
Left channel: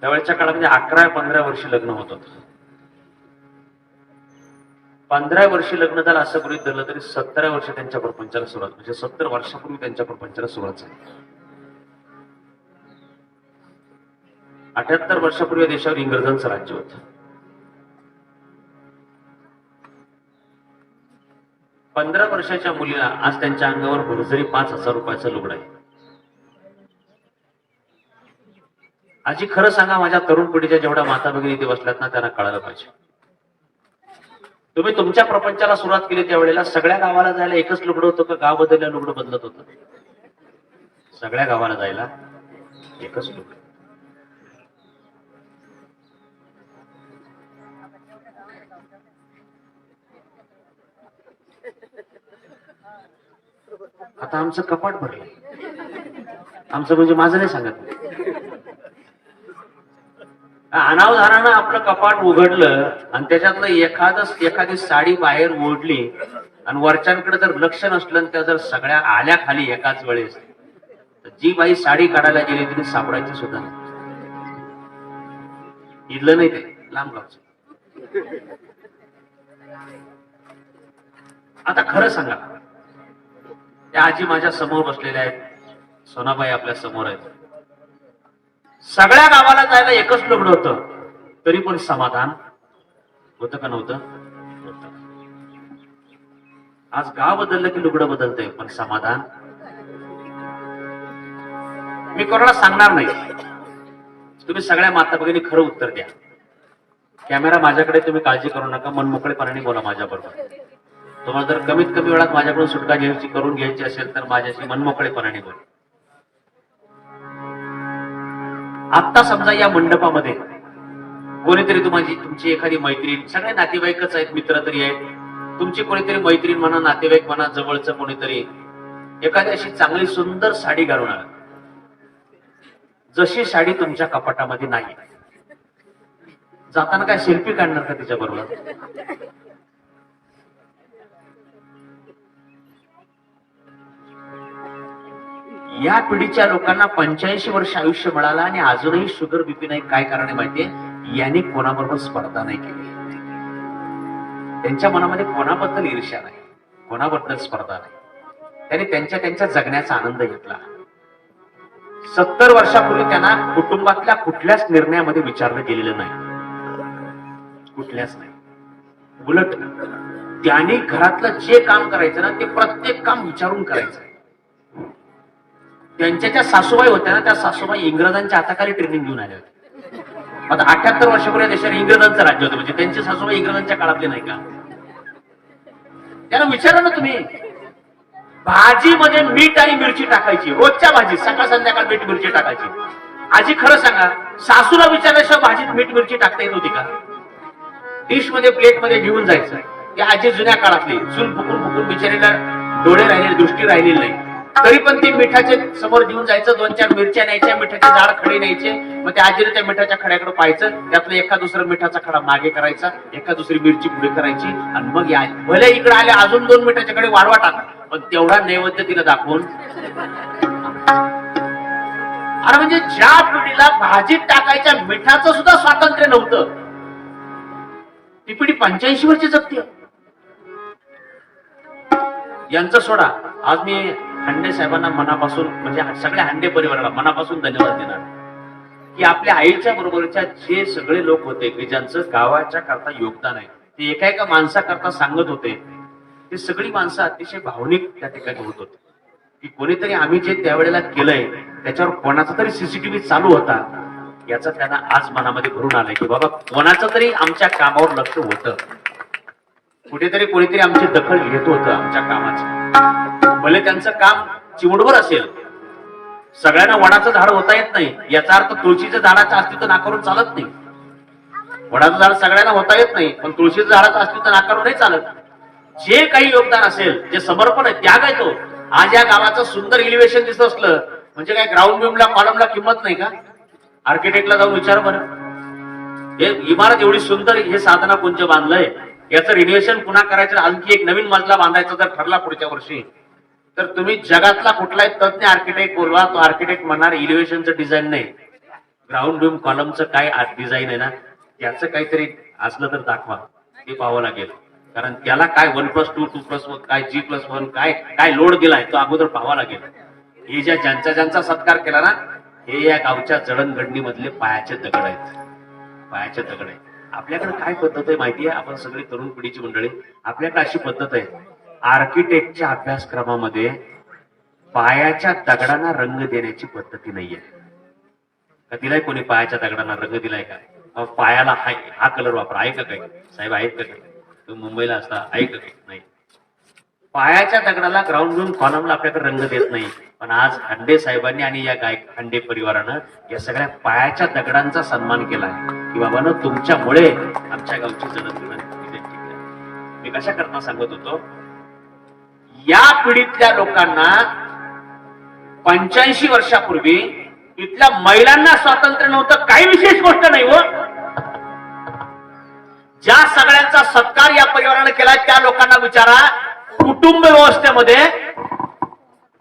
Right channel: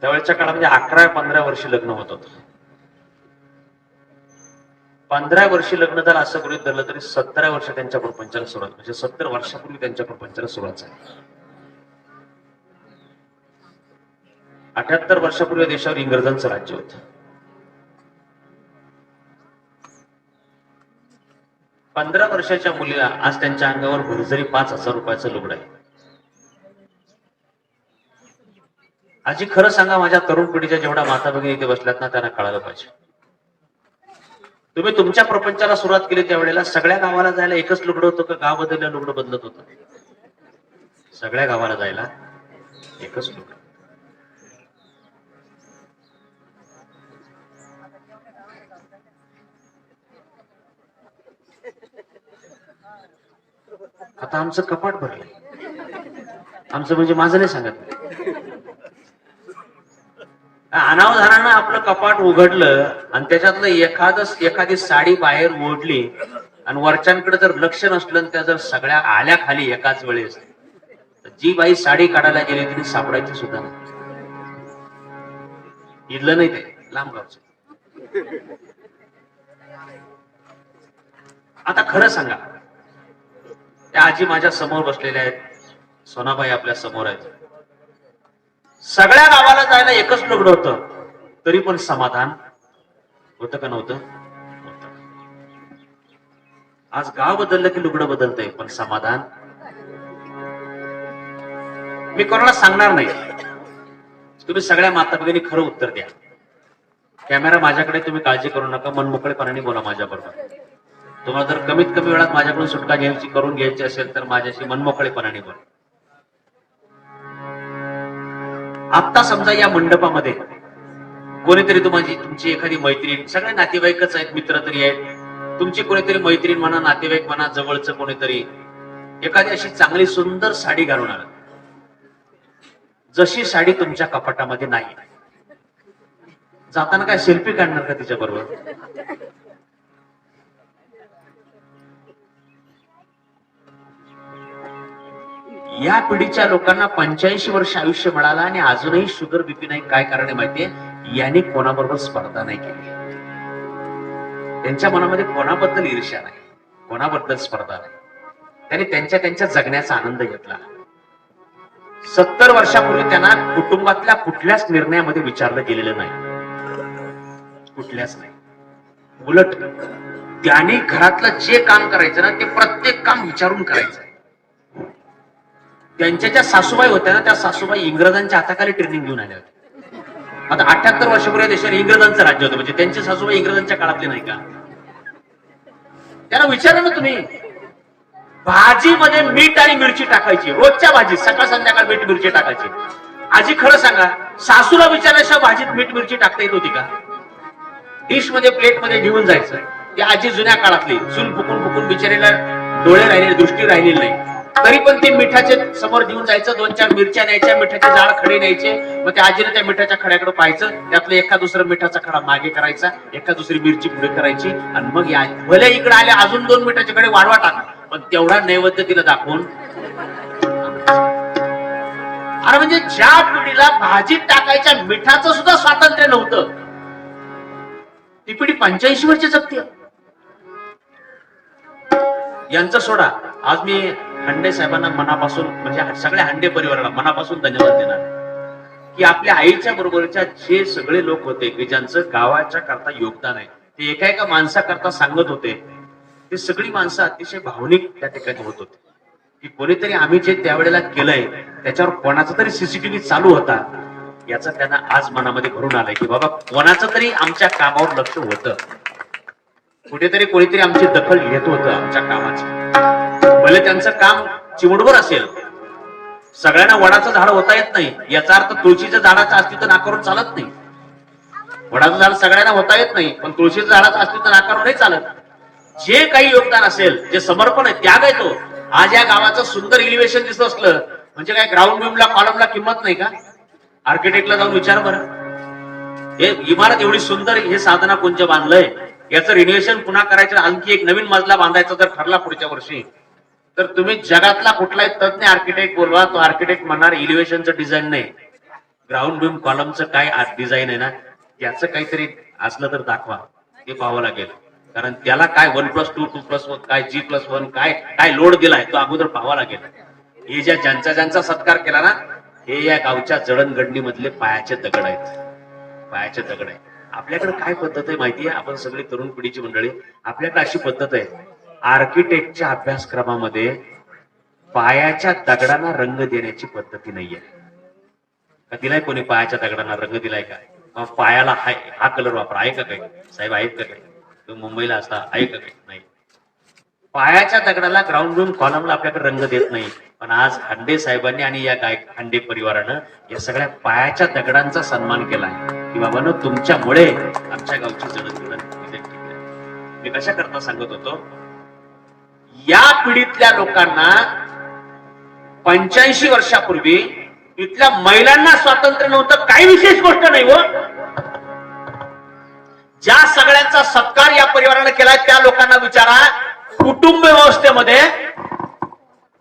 त्यावेळेच्या काळामध्ये 11-15 वर्षी लग्न होत होतं. 15 वर्षी लग्न झालं असं गृहीत धरलं तरी 17 वर्ष त्यांच्या प्रपंचाला सुरुवात, म्हणजे 70 वर्षापूर्वी त्यांच्या प्रपंचाला सुरुवात झाली. 78 वर्षापूर्वी देशावर इंग्रजांचं राज्य होतं. 15 वर्षाच्या मुलीला आज त्यांच्या अंगावर भरजरी 5,000 रुपयाचं लुगडं आहे. आजी खरं सांगा, माझ्या तरुण पिढीच्या जेवढ्या माता भगिनी इथे बसल्यात ना त्यांना कळालं पाहिजे, तुम्ही तुमच्या प्रपंचाला सुरुवात केली त्यावेळेला सगळ्या गावाला जायला एकच लुगडं होतं का गाव बदलल्या लुगडं बदलत होतं? सगळ्या गावाला जायला एकच लुगडं. आता आमचं कपाट भरलंय, आमचं म्हणजे माझं नाही सांगत, अनावधानानं आपलं कपाट उघडलं आणि त्याच्यातलं एखादी साडी बाहेर ओढली आणि वरच्यांकडे जर लक्ष नसलं त्या जर सगळ्या आल्या खाली एकाच वेळेस, तर जी बाई साडी काढायला गेली तिने सापडायची सुद्धा नाही. इडलं नाही ते लांब गावचं. आता खरं सांगा, त्या आजी माझ्या समोर बसलेल्या आहेत, सोनाबाई आपल्या समोर आहेत. सगळ्या गावाला जायला एकच लग्न होतं, तरी पण समाधान होतं का नव्हतं? होतं. आज गाव बदललं की लुगडं बदलतंय, पण समाधान. मी कोणाला सांगणार नाही, तुम्ही सगळ्या माता भगिनी खरं उत्तर द्या. कॅमेरा माझ्याकडे, तुम्ही काळजी करू नका, मनमोकळेपणाने बोला माझ्या बरोबर. तुम्हाला जर कमीत कमी वेळात माझ्याकडून सुटका करून घ्यायची असेल तर माझ्याशी मनमोकळेपणाने बोला. आता समजा या मंडपामध्ये कोणीतरी तुमची एखादी मैत्रीण, सगळे नातेवाईकच आहेत, मित्र तरी आहेत, तुमची कोणीतरी मैत्रीण म्हणा, नातेवाईक म्हणा, जवळचं कोणीतरी एखादी अशी चांगली सुंदर साडी घालून आला. जशी साडी तुमच्या कपाटामध्ये नाही, जाताना काय सेल्फी काढणार का तिच्या बरोबर? या पिढीच्या लोकांना 85 वर्ष आयुष्य मिळालं आणि अजूनही शुगर बीपी नाही. काय कारण आहे माहितीये? यांनी कोणाबरोबर स्पर्धा नाही केली. त्यांच्या मनामध्ये कोणाबद्दल ईर्ष्या नाही, कोणाबद्दल स्पर्धा नाही. त्यांनी त्यांच्या जगण्याचा आनंद घेतला. 70 वर्षापूर्वी त्यांना कुटुंबातल्या कुठल्याच निर्णयामध्ये विचारलं गेलेलं नाही, कुठल्याच नाही. उलट त्यांनी घरातलं जे काम करायचं ना, ते प्रत्येक काम विचारून करायचं. त्यांच्या ज्या सासूबाई होत्या ना, त्या सासूबाई इंग्रजांच्या हाताखाली ट्रेनिंग घेऊन आल्या होत्या. आता 78 वर्षापूर्वी देशात इंग्रजांचं राज्य होतं, म्हणजे त्यांची सासूबाई इंग्रजांच्या काळातले नाही का? त्यांना विचारा ना तुम्ही, भाजीमध्ये मीठ आणि मिरची टाकायची, रोजच्या भाजी सकाळ संध्याकाळ मीठ मिरची टाकायची. आजी खरं सांगा, सासूला विचारल्याशिवाय भाजीत मीठ मिरची टाकता येत होती का? डिश मध्ये प्लेट मध्ये घेऊन जायचं. ती आजी जुन्या काळातली, चूल फुकून फुकून बिचारीला डोळे राहिले, दृष्टी राहिलेली नाही, तरी पण ती मिठाचे समोर घेऊन जायचं. 2-4 मिरच्या न्यायच्या, मिठाचे जाड खडे न्यायचे. मग त्या आजीने त्या मिठाच्या खड्याकडे पाहायचं, त्यातलं एका दुसरा मिठाचा खडा मागे करायचा, एका दुसरी मिरची पुढे करायची, आणि मग या भले इकडे आले अजून 2 मिठाच्या खडे वाढवा टाका, पण तेवढा नैवेद्य तिला दाखवून. अरे म्हणजे ज्या पिढीला भाजीत टाकायच्या मिठाचं सुद्धा स्वातंत्र्य नव्हतं, ती पिढी 85 वर्ष जगते. यांचा सोडा. आज मी हांडे साहेबांना मनापासून, म्हणजे सगळ्या हांडे परिवाराला मनापासून धन्यवाद देणार की आपल्या आईच्या बरोबरच्या जे सगळे लोक होते की ज्यांचं गावाच्या करता योगदान आहे, ते एका माणसाकरता सांगत होते. ते सगळी माणसं अतिशय भावनिक त्या ठिकाणी होत होते की कोणीतरी आम्ही जे त्यावेळेला केलंय त्याच्यावर कोणाचा तरी सीसीटीव्ही चालू होता, याचा त्यांना आज मनामध्ये भरून आलंय की बाबा कोणाचं तरी आमच्या कामावर लक्ष होतं, कुठेतरी कोणीतरी आमची दखल घेत होतं आमच्या कामाची. भले त्यांचं काम चिमुडवर असेल, सगळ्यांना वडाचं झाड होता येत नाही, याचा अर्थ तुळशीच्या झाडाचं अस्तित्व नाकारून चालत नाही. वडाचं झाड सगळ्यांना होता येत नाही, पण तुळशीच्या झाडाचं अस्तित्व नाकारून नाही चालत. जे काही योगदान असेल, जे समर्पण आहे, त्याग आहे तो. आज या गावाचं सुंदर इलिव्हेशन दिसत असलं म्हणजे काय ग्राउंड बिमला कॉलमला किंमत नाही का? आर्किटेक्टला जाऊन विचार बरं, हे इमारत एवढी सुंदर, हे साधना पुंज बांधलंय, याचं रिनोव्हेशन पुन्हा करायचं, आणखी एक नवीन मजला बांधायचा जर ठरला पुढच्या वर्षी, तर तुम्ही जगातला कुठलाही तज्ञ आर्किटेक्ट बोलवा, तो आर्किटेक्ट म्हणणार इलिव्हेशनचं डिझाईन नाही, ग्राउंड बीम कॉलमचं काय डिझाईन आहे ना, त्याचं काहीतरी असलं तर दाखवा, ते पाहावं लागेल. कारण त्याला काय 1+2, 2+1, काय G+1, काय लोड दिलाय तो अगोदर पाहावा लागेल. हे ज्यांचा सत्कार केला ना, हे या गावच्या जडणघडणी मधले पायाचे दगड आहेत, पायाचे दगड आहेत. आपल्याकडे काय पद्धत आहे माहितीये? आपण सगळी तरुण पिढीची मंडळी, आपल्याकडे अशी पद्धत आहे, आर्किटेक्टच्या अभ्यासक्रमामध्ये पायाच्या दगडांना रंग देण्याची पद्धती नाहीये. का दिलाय कोणी पायाच्या दगडांना रंग दिलाय का? पायाला हा कलर वापरा, आहे का काही? साहेब आहेत का काही? मुंबईला असता, आहे का काही? नाही. पायाच्या दगडाला, ग्राउंड बीम कॉलमला आपल्याकडे रंग देत नाही. पण आज हांडे साहेबांनी आणि या हांडे परिवारानं या सगळ्या पायाच्या दगडांचा सन्मान केला की बाबांनो, तुमच्यामुळे आमच्या गावची जडणघडण. मी कशा करता सांगत होतो, या पिढीतल्या लोकांना 85 वर्षापूर्वी इथल्या महिलांना स्वातंत्र्य नव्हतं, काही विशेष गोष्ट नाही हो. ज्या सगळ्यांचा सत्कार या परिवाराने केला त्या लोकांना विचारा, कुटुंब व्यवस्थेमध्ये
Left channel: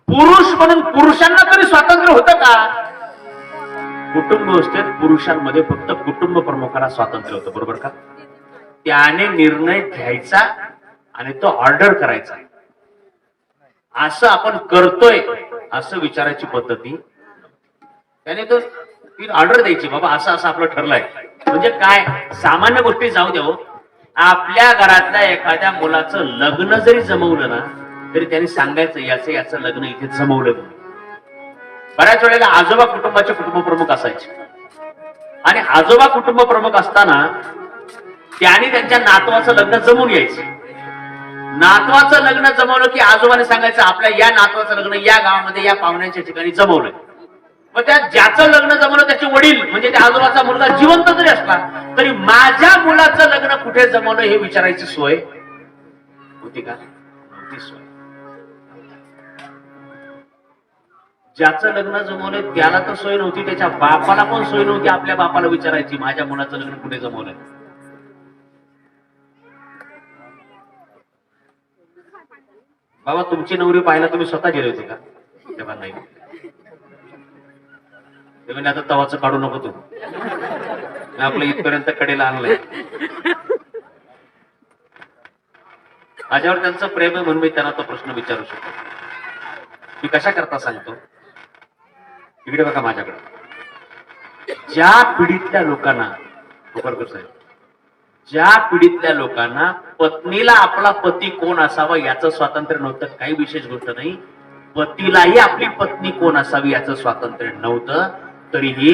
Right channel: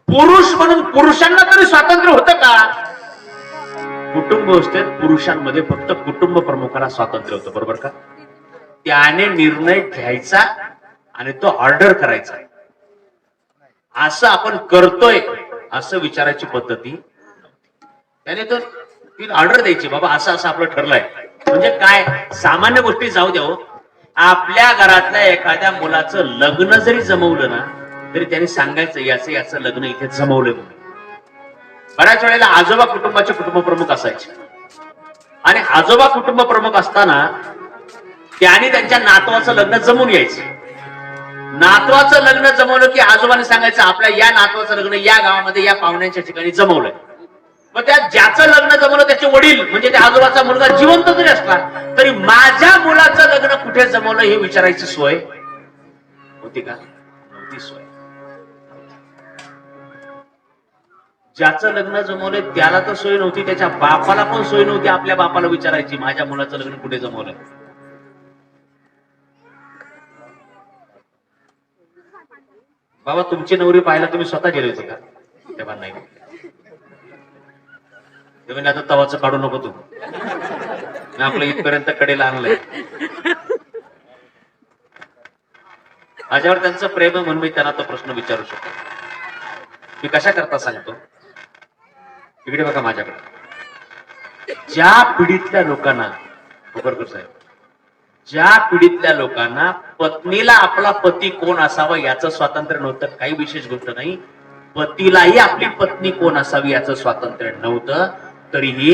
पुरुष म्हणून पुरुषांना तरी स्वातंत्र्य होतं का? कुटुंब व्यवस्थेत पुरुषांमध्ये फक्त कुटुंब प्रमुखाला स्वातंत्र्य होतं, बरोबर का? त्याने निर्णय घ्यायचा आणि तो ऑर्डर करायचा. असं आपण करतोय असं विचारायची पद्धती त्याने तो ती ऑर्डर द्यायची, बाबा असं असं आपलं ठरलंय. म्हणजे काय, सामान्य गोष्टी जाऊ द्या, आपल्या घरातल्या एखाद्या मुलाचं लग्न जरी जमवलं ना तरी त्यांनी सांगायचं याचं लग्न इथे जमवलं म्हणून. बऱ्याच वेळेला आजोबा कुटुंबाचे कुटुंब प्रमुख असायचे आणि आजोबा कुटुंब प्रमुख असताना त्यांनी त्यांच्या नातवाचं लग्न जमवून यायचं. नातवाचं लग्न जमवलं की आजोबाने सांगायचं आपल्या या नातवाचं लग्न या गावामध्ये या पाहुण्यांच्या ठिकाणी जमवलंय. मग त्या ज्याचं लग्न जमवलं त्याचे वडील म्हणजे त्या आजोबाचा मुलगा जिवंत जरी असला तरी माझ्या मुलाचं लग्न कुठे जमवलं हे विचारायची सोय होती का? नव्हती सोय. ज्याचं लग्न जमवलंय त्याला तर सोय नव्हती, त्याच्या बापाला पण सोय नव्हती आपल्या बापाला विचारायची माझ्या मुलाचं लग्न कुठे जमवलंय. बाबा तुमची नवरी पाहायला तुम्ही स्वतः गेले होते का? तेव्हा नाही. ते म्हणजे आता तवाचं काढू नको तू, आपलं इथपर्यंत कडेला आणलंय. माझ्यावर त्यांचं प्रेम आहे म्हणून मी त्यांना तो प्रश्न विचारू शकतो. मी कशा करता सांगतो, इकडे बघा माझ्याकडे. ज्या पिढीतल्या लोकांना साहेब, ज्या पिढीतल्या लोकांना पत्नीला आपला पती कोण असावा याचं स्वातंत्र्य नव्हतं, काही विशेष गोष्ट नाही, पतीलाही आपली पत्नी कोण असावी याचं स्वातंत्र्य नव्हतं, तरीही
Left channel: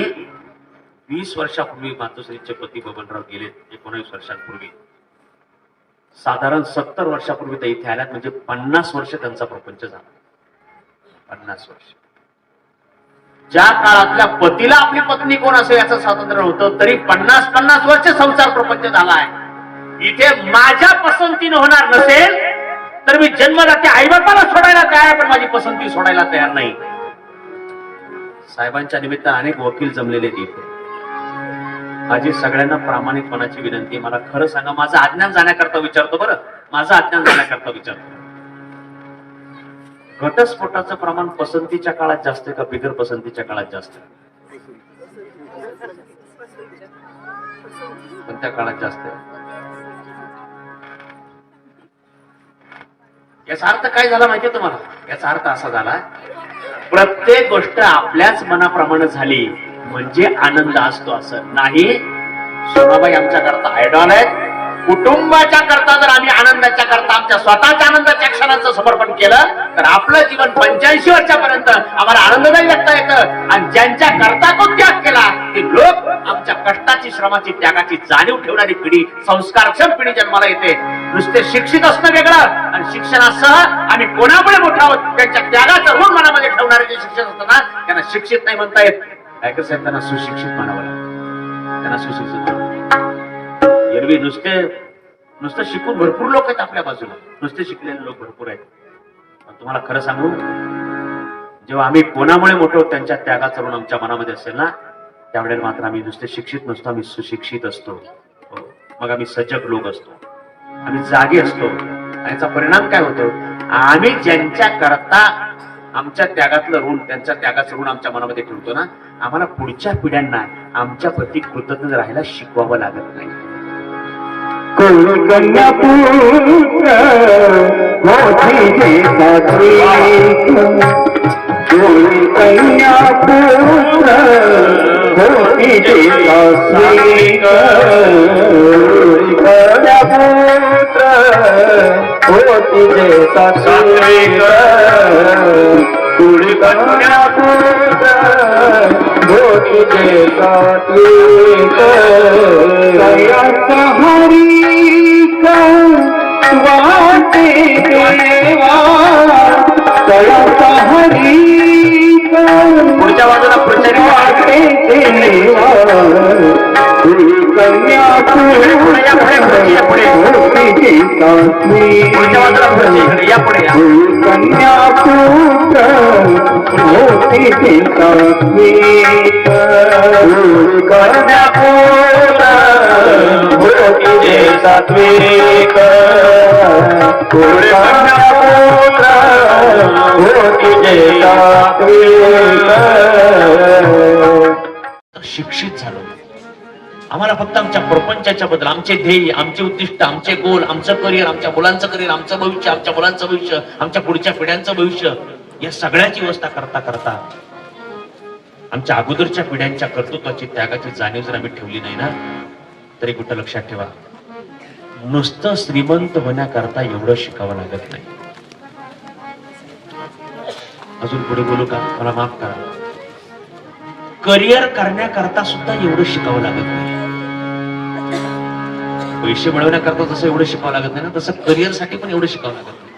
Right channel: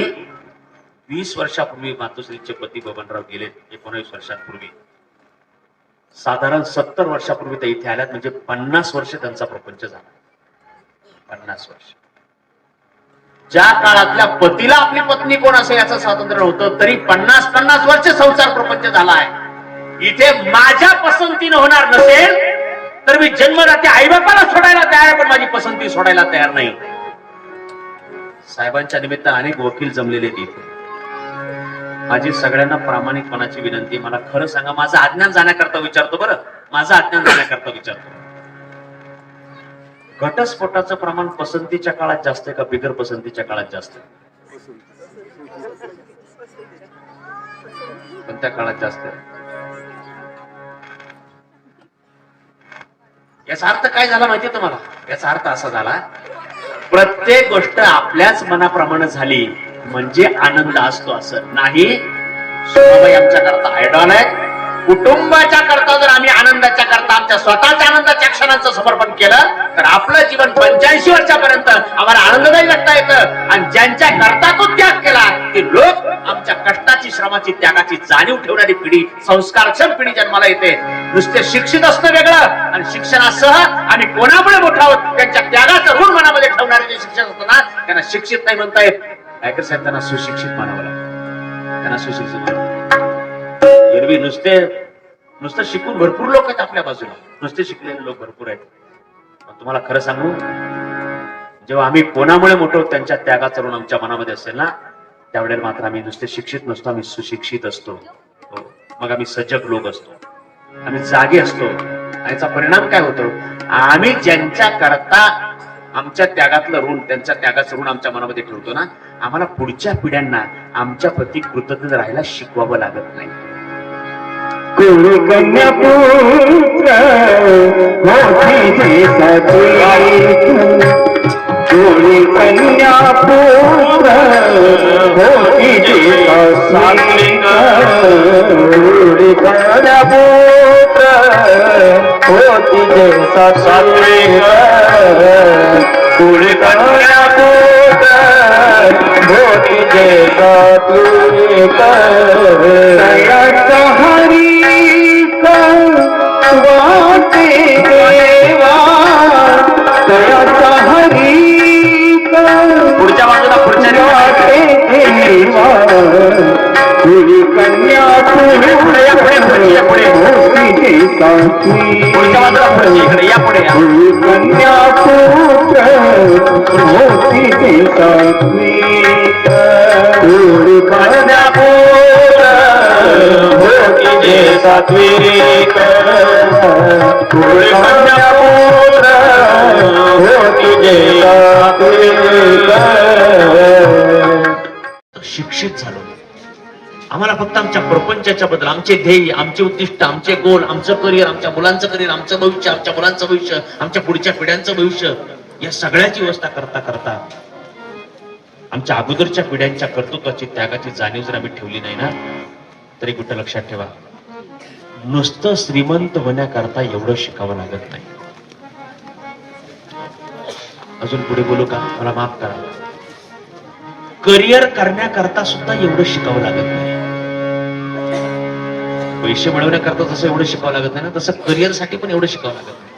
20 वर्षापूर्वी मातोश्रीचे पती बबनराव गेले. 19 वर्षांपूर्वी, साधारण 70 वर्षापूर्वी ते इथे आल्यात, म्हणजे 50 वर्ष त्यांचा प्रपंच झाला. 50 वर्ष. ज्या काळातल्या पतीला आपली पत्नी कोण असेल याचं स्वातंत्र्य नव्हतं, तरी 50 वर्ष संसार प्रपंच झाला आहे. इथे माझ्या पसंतीनं होणार नसेल तर मी जन्मदाते आई बापाला सोडायला तयार आहे, पण माझी पसंती सोडायला तयार नाही. साहेबांच्या निमित्त अनेक वकील जमलेले तिथे. माझी सगळ्यांना प्रामाणिकपणाची विनंती, मला खरं सांगा, माझं अज्ञान जाण्याकरता विचारतो, बरं माझं अज्ञान जाण्याकरता विचारतो. घटस्फोटाचं प्रमाण पसंतीच्या काळात जास्त आहे का बिगर पसंतीच्या काळात जास्त आहे? कोणत्या काळात जास्त आहे? याचा अर्थ काय झाला माहितीये तुम्हाला? याचा अर्थ असा झाला, प्रत्येक गोष्ट आपल्याच मनाप्रमाणे झाली म्हणजे आनंद असतो असं नाही. सोनाबाई आमच्या करता आयडॉल आहेत. कुटुंबाच्या करता जर आम्ही आनंदाच्या करता आमच्या स्वतःच्या आनंदाच्या क्षणांचं समर्पण केलं तर आपलं जीवन 85 वर्षापर्यंत आम्हाला आनंददायी जगता येतं. आणि ज्यांच्या करता तो त्याग केला ते लोक आमच्या कष्टाची, श्रमाची, त्यागाची जाणीव ठेवणारी पिढी, संस्कारक्षम पिढी जन्माला येते. नुसते शिक्षित असणं वेगळं आणि शिक्षणासह आम्ही कोणामुळे मोठा आहोत त्यांच्या त्यागाचं ऋण मनामध्ये ठेवणारे जे शिक्षण असतं ना त्यांना शिक्षित नाही म्हणता येत. काय साहेब, त्यांना सुशिक्षित म्हणावं लागतं. त्यांना सुशिक्षित म्हणावं. एरवी नुसतं शिकून भरपूर लोक आहेत आपल्या बाजूला, नुसते शिकलेले लोक भरपूर आहेत. पण तुम्हाला खरं सांगू, जेव्हा आम्ही कोणामुळे मोठं त्यांच्या त्यागाचं ऋण आमच्या मनामध्ये असेल ना त्यावेळेला मात्र आम्ही नुसते शिक्षित नसतो, आम्ही सुशिक्षित असतो. मग आम्ही सजग लोक असतो, आम्ही जागे असतो. आणि याचा परिणाम काय होतो, आम्ही ज्यांच्या करता आमच्या त्यागातलं ऋण, त्यांच्या त्यागाचं ऋण आमच्या मनामध्ये ठेवतो ना, आम्हाला पुढच्या पिढ्यांना आमच्या प्रती कृतज्ञ राहायला शिकवावं लागत नाही. कोळी कन्या पुत्र मोठी कोळी कन्या पुत्र मोठी कोळी कन्या पुत्र मोठी देसा कोळी कन्या पुत्र मोठी देसा वाटे देवा दयाचा हरी पुढच्या बाजूला पुढच्या वाटे देवा तुझी कन्या तुझी पुढच्या बाजूला या पुढे कन्या पुत्र मोठी कन्या पुत्र सात्विक शिक्षित झालो. आम्हाला फक्त आमच्या प्रपंचाच्या बद्दल, आमचे ध्येय, आमचे उद्दिष्ट, आमचे गोल, आमचं करिअर, आमच्या मुलांचं करिअर, आमचं भविष्य, आमच्या मुलांचं भविष्य, आमच्या पुढच्या पिढ्यांचं भविष्य या सगळ्याची व्यवस्था करता करता आमच्या अगोदरच्या पिढ्यांच्या कर्तृत्वाची त्यागाची जाणीव जर आम्ही ठेवली नाही ना, तरी कुठं लक्षात ठेवा, नुसतं श्रीमंत होण्याकरता एवढं शिकावं लागत नाही. अजून पुढे बोलू का? मला माफ करा. करिअर करण्याकरता सुद्धा एवढं शिकावं लागत नाही. पैसे मिळवण्याकरता जसं एवढं शिकावं लागत नाही ना, तसं करिअर साठी पण एवढं शिकावं लागत नाही.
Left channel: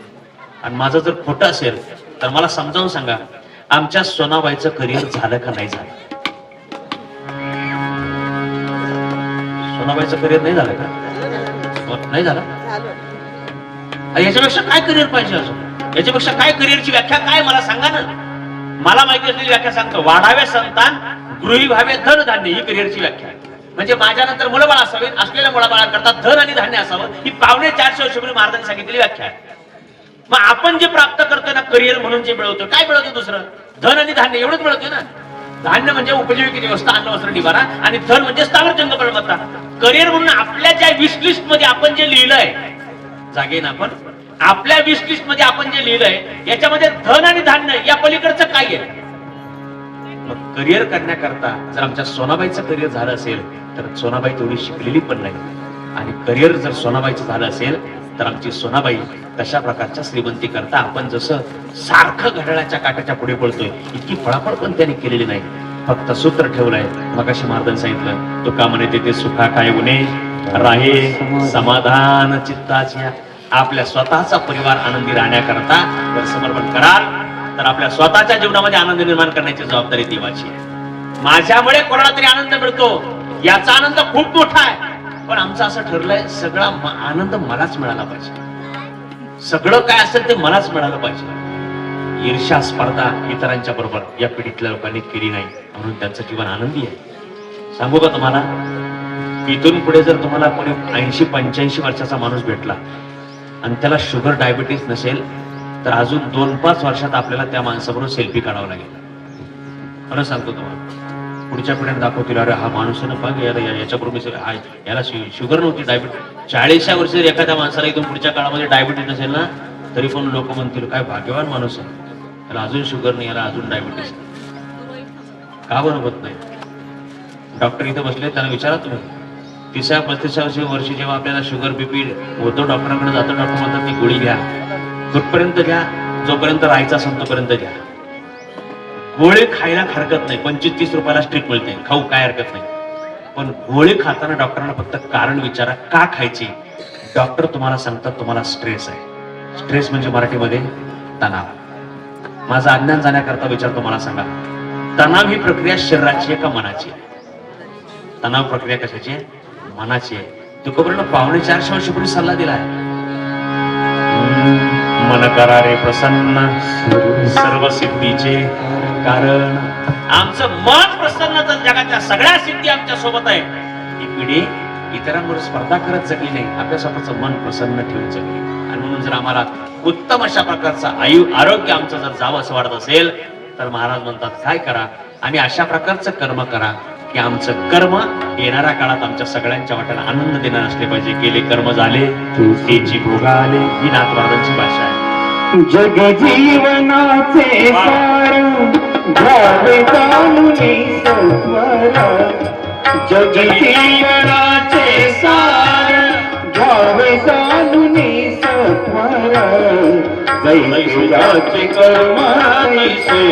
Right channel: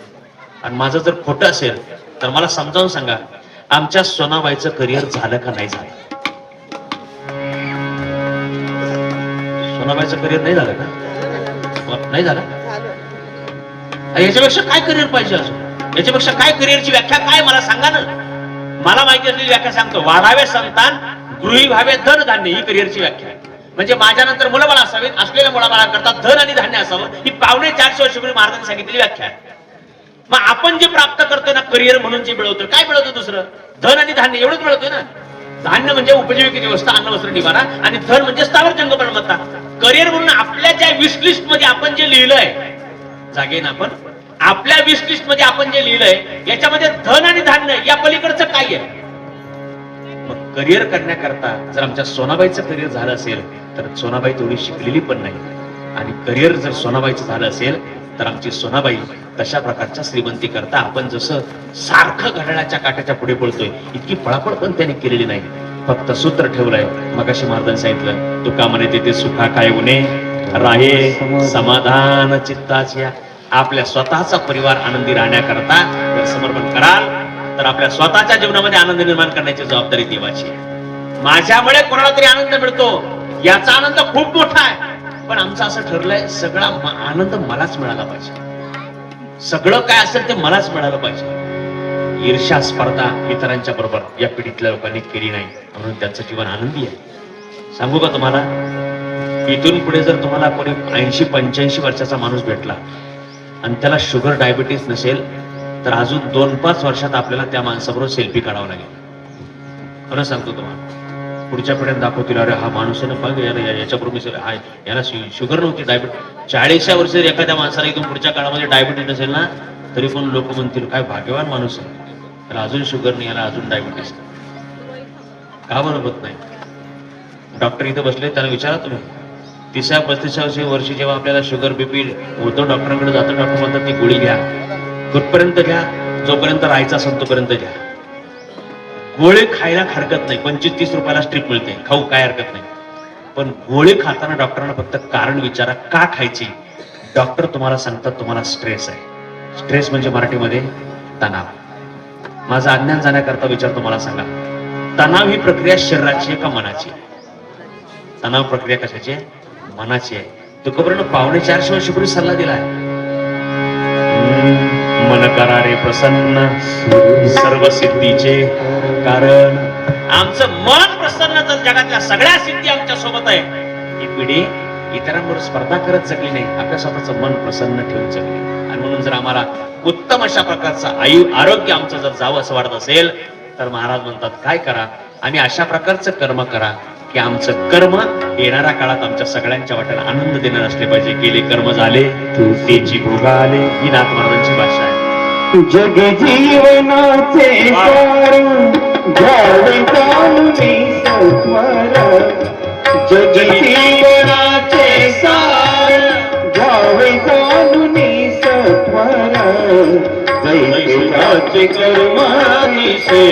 आणि माझं जर खोटं असेल तर मला समजावून सांगा, आमच्या सोनाबाईचं करिअर झालं का नाही झालं? सोनाबाईचं करिअर नाही झालं का? नाही झालं? याच्यापेक्षा काय करिअर पाहिजे अजून? याच्यापेक्षा काय करिअरची व्याख्या काय मला सांगा ना. मला माहिती असलेली व्याख्या सांगतो. वाढावे संतान, गृही भावे धन धान्य, ही करिअरची व्याख्या आहे. म्हणजे माझ्यानंतर मुलंबाळ असावीत, असलेल्या मुलाबाळांकरता धन आणि धान्य असावं, ही 450 वर्षापूर्वी महाराजांनी सांगितलेली व्याख्या आहे. मग आपण जे प्राप्त करतोय ना करिअर म्हणून, जे मिळवतोय, काय मिळवतोय? दुसरं धन आणि धान्य एवढंच मिळवतोय ना. धान्य म्हणजे उपजीविकेची व्यवस्था, अन्न वस्त्र निवारा, आणि धन म्हणजे स्थावर जंगम मालमत्ता. करिअर म्हणून आपल्या ज्या विश लिस्ट मध्ये आपण जे लिहिलंय, जागेन आपण आपल्या विश लिस्ट मध्ये आपण जे लिहिलंय, याच्यामध्ये धन आणि धान्य या पलीकडचं काय आहे? मग करिअर करण्याकरता जर आमच्या सोनाबाईचं करिअर झालं असेल तर सोनाबाई तेवढी शिकलेली पण नाही. आणि करिअर जर सोनाबाईचं झालं असेल तर आमची सोनाबाई तशा प्रकारच्या श्रीमंती करता आपण जसं सारखं घड्याळाच्या काट्याच्या पुढे पळतोय, इतकी पळापळ पण त्यांनी केलेली नाही. फक्त सूत्र ठेवलंय. मगाशी महाराजांनी सांगितलं, तुका म्हणे तेथे सुखा काय उणे राहे समाधान चित्ताच्या. आपल्या स्वतःचा परिवार आनंदी राहण्याकरता जर समर्पण कराल तर आपल्या स्वतःच्या जीवनामध्ये आनंद निर्माण करण्याची जबाबदारी देवाची आहे. माझ्यामुळे कोणाला तरी आनंद मिळतो याचा आनंद खूप मोठा आहे, पण आमचं असं ठरलंय, सगळा आनंद मलाच मिळाला पाहिजे. सगळं काय असेल ते मलाच मिळालं पाहिजे. ईर्ष्या स्पर्धा इतरांच्या बरोबर या पिढीतल्या लोकांनी केली नाही, म्हणून त्यांचं जीवन आनंदी आहे. सांगू का तुम्हाला, इथून पुढे जर तुम्हाला कोणी 80-85 वर्षाचा माणूस भेटला आणि त्याला शुगर डायबिटीस नसेल तर अजून 2-5 वर्षात आपल्याला त्या माणसाबरोबर सेल्फी काढावं लागेल. म्हणून सांगतो तुम्हाला, पुढच्या पिढ्यात दाखवतील, अरे हा माणूस आहे ना, बघ याच्याबरोबर याला शुगर नव्हती, डायबिटीस. 40 वर्ष जर एखाद्या माणसाला इथून पुढच्या काळामध्ये डायबिटीस नसेल ना, तरी पण लोक म्हणतील काय भाग्यवान माणूस आहे, याला अजून शुगर नाही, याला अजून डायबिटीस. का बरं होत नाही? डॉक्टर इथे बसले, त्याला विचारा तुम्ही. 30-35 वर्षी जेव्हा आपल्याला शुगर बीपी होतो, डॉक्टरांकडे जातो, डॉक्टर म्हणतात ती गोळी घ्या, कुठपर्यंत घ्या, जोपर्यंत राहायचा असेल तोपर्यंत घ्या. गोळी खायला हरकत नाही, 25-30 रुपयाला स्ट्रीप मिळते, खाऊ काय हरकत नाही. पण गोळी खाताना डॉक्टरांना फक्त कारण विचारा, का खायची? डॉक्टर तुम्हाला सांगतात तुम्हाला स्ट्रेस आहे. स्ट्रेस म्हणजे मराठीमध्ये तणाव. माझं अज्ञान जाण्याकरता विचारतो, मला सांगा, तणाव ही प्रक्रिया शरीराची आहे का मनाची आहे? तणाव प्रक्रिया कशाची आहे? मनाची आहे. तुकोपर्यंत 450 वर्षापूर्वी सल्ला दिलाय, मन करा रे प्रसन्न सर्व सिद्धीचे कारण. आमचं मन प्रसन्न, जर जगातल्या सगळ्या सिद्धी आमच्या सोबत आहे. ही पिढी इतरांबरोबर स्पर्धा करत जगली नाही, आपल्या स्वतःचं मन प्रसन्न ठेवून जगली. आणि म्हणून जर आम्हाला उत्तम अशा प्रकारचं आरोग्य आमचं जर जावं असं वाटत असेल तर महाराज म्हणतात काय करा, आणि अशा प्रकारचं कर्म करा की आमचं कर्म येणाऱ्या काळात आमच्या सगळ्यांच्या वाट्याला आनंद देणार असले पाहिजे. केले कर्म झाले तेची भोगाले, ही नाथ महाराजांची भाषा आहे. जग जीवनाचे सार घ्यावे जाणून सत्वर. जग जीवनाचे सार घ्यावे जाणून सत्वर. जैसे ज्याचे कर्म तैसे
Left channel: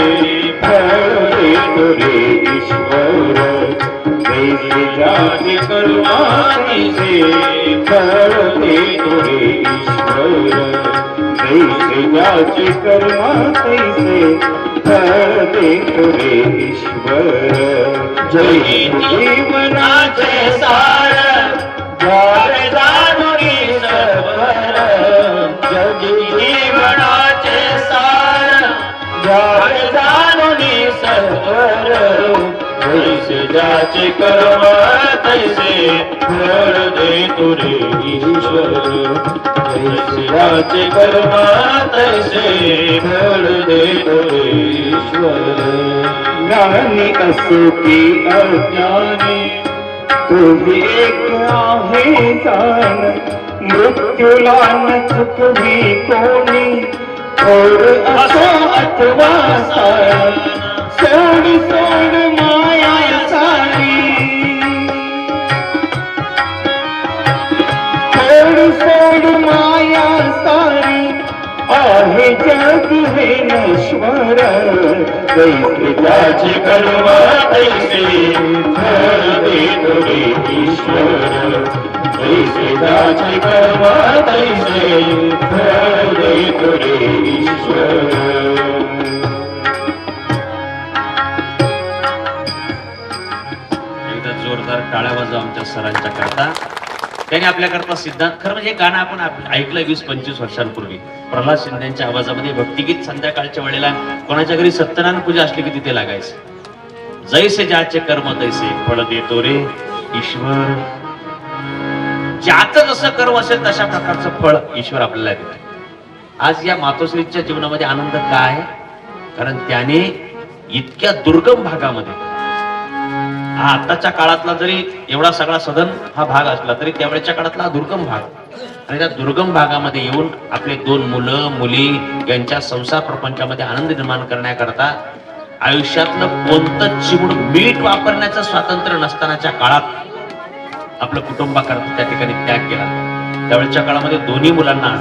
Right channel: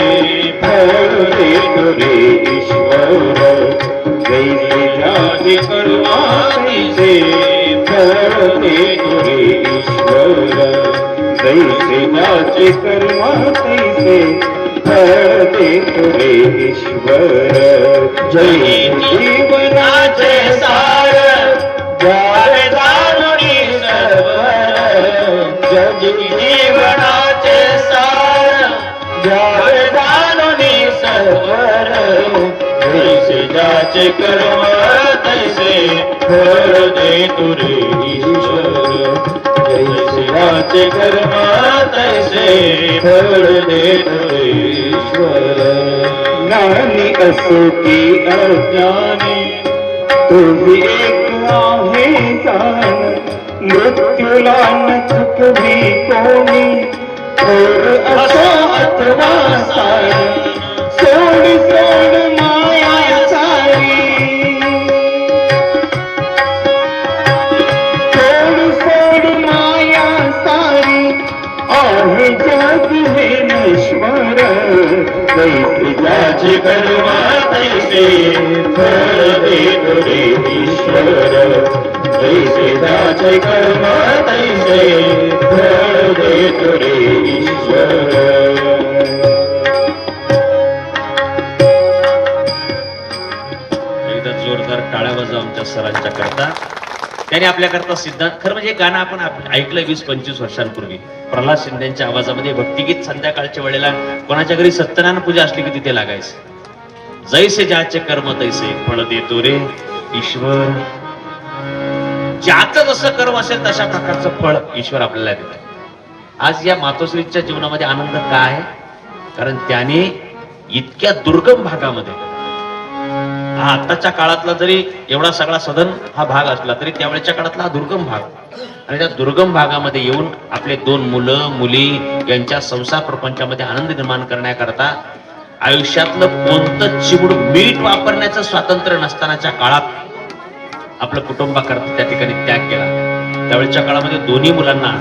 फळ देतो रे ईश्वर. जैसे ज्याचे कर्म तैसे फळ देतो रे ईश्वर. जैसे ज्याचे कर्म तैसे फळ देतो रे ईश्वर. जय जीवनाचे सार घ्यावे जाणून सत्वर. जग जीवनाचे सार घ्यावे जाणून सत्वर. जैसे ज्याचे कर्म तैसे फळ देतो रे ईश्वर. जैसे ज्याचे कर्म तैसे फळ देतो रे ईश्वर. ज्ञानी असो की अज्ञानी तुझी एक आहे जाण. मृत्यूला न चुकवी कोणी थोर असो अथवा सारा, सोड सोड माया सारी, सोड सोड माया सारी, आहे जग हे नश्वर, कैसे ज्याचे कर्म तैसे फळ देतो रे ईश्वर, कैसे ज्याचे कर्म तैसे फळ देतो रे ईश्वर. एकदा जोरदार टाळ्या वाजवा आमच्या सरांच्या करता. त्यांनी आपल्याकरता सिद्धांत, खरं म्हणजे गाणं आपण ऐकलं 20-25 वर्षांपूर्वी प्रल्हाद शिंदेच्या आवाजामध्ये भक्तिगीत. संध्याकाळच्या वेळेला कोणाच्या घरी सत्यनारायण पूजा असली की तिथे लागायचं. जैसे ज्याचे कर्म तैसे फळ देतो रे ईश्वर. ज्याचं जसं कर्म असेल तशा प्रकारचं फळ ईश्वर आपल्याला देतो. आज या मातोश्रीच्या जीवनामध्ये आनंद का आहे? कारण त्याने इतक्या दुर्गम भागामध्ये, हा आताच्या काळातला जरी एवढा सगळा सदन हा भाग असला तरी त्यावेळेच्या काळातला हा दुर्गम भाग, आणि त्या दुर्गम भागामध्ये येऊन आपले 2 मुलं मुली यांच्या संसार प्रपंचामध्ये आनंद निर्माण करण्याकरता आयुष्यातलं कोणतं चिमूड मीठ वापरण्याचं स्वातंत्र्य नसतानाच्या काळात आपलं कुटुंबाकरता त्या ठिकाणी त्याग केला. त्यावेळेच्या काळामध्ये दोन्ही मुलांना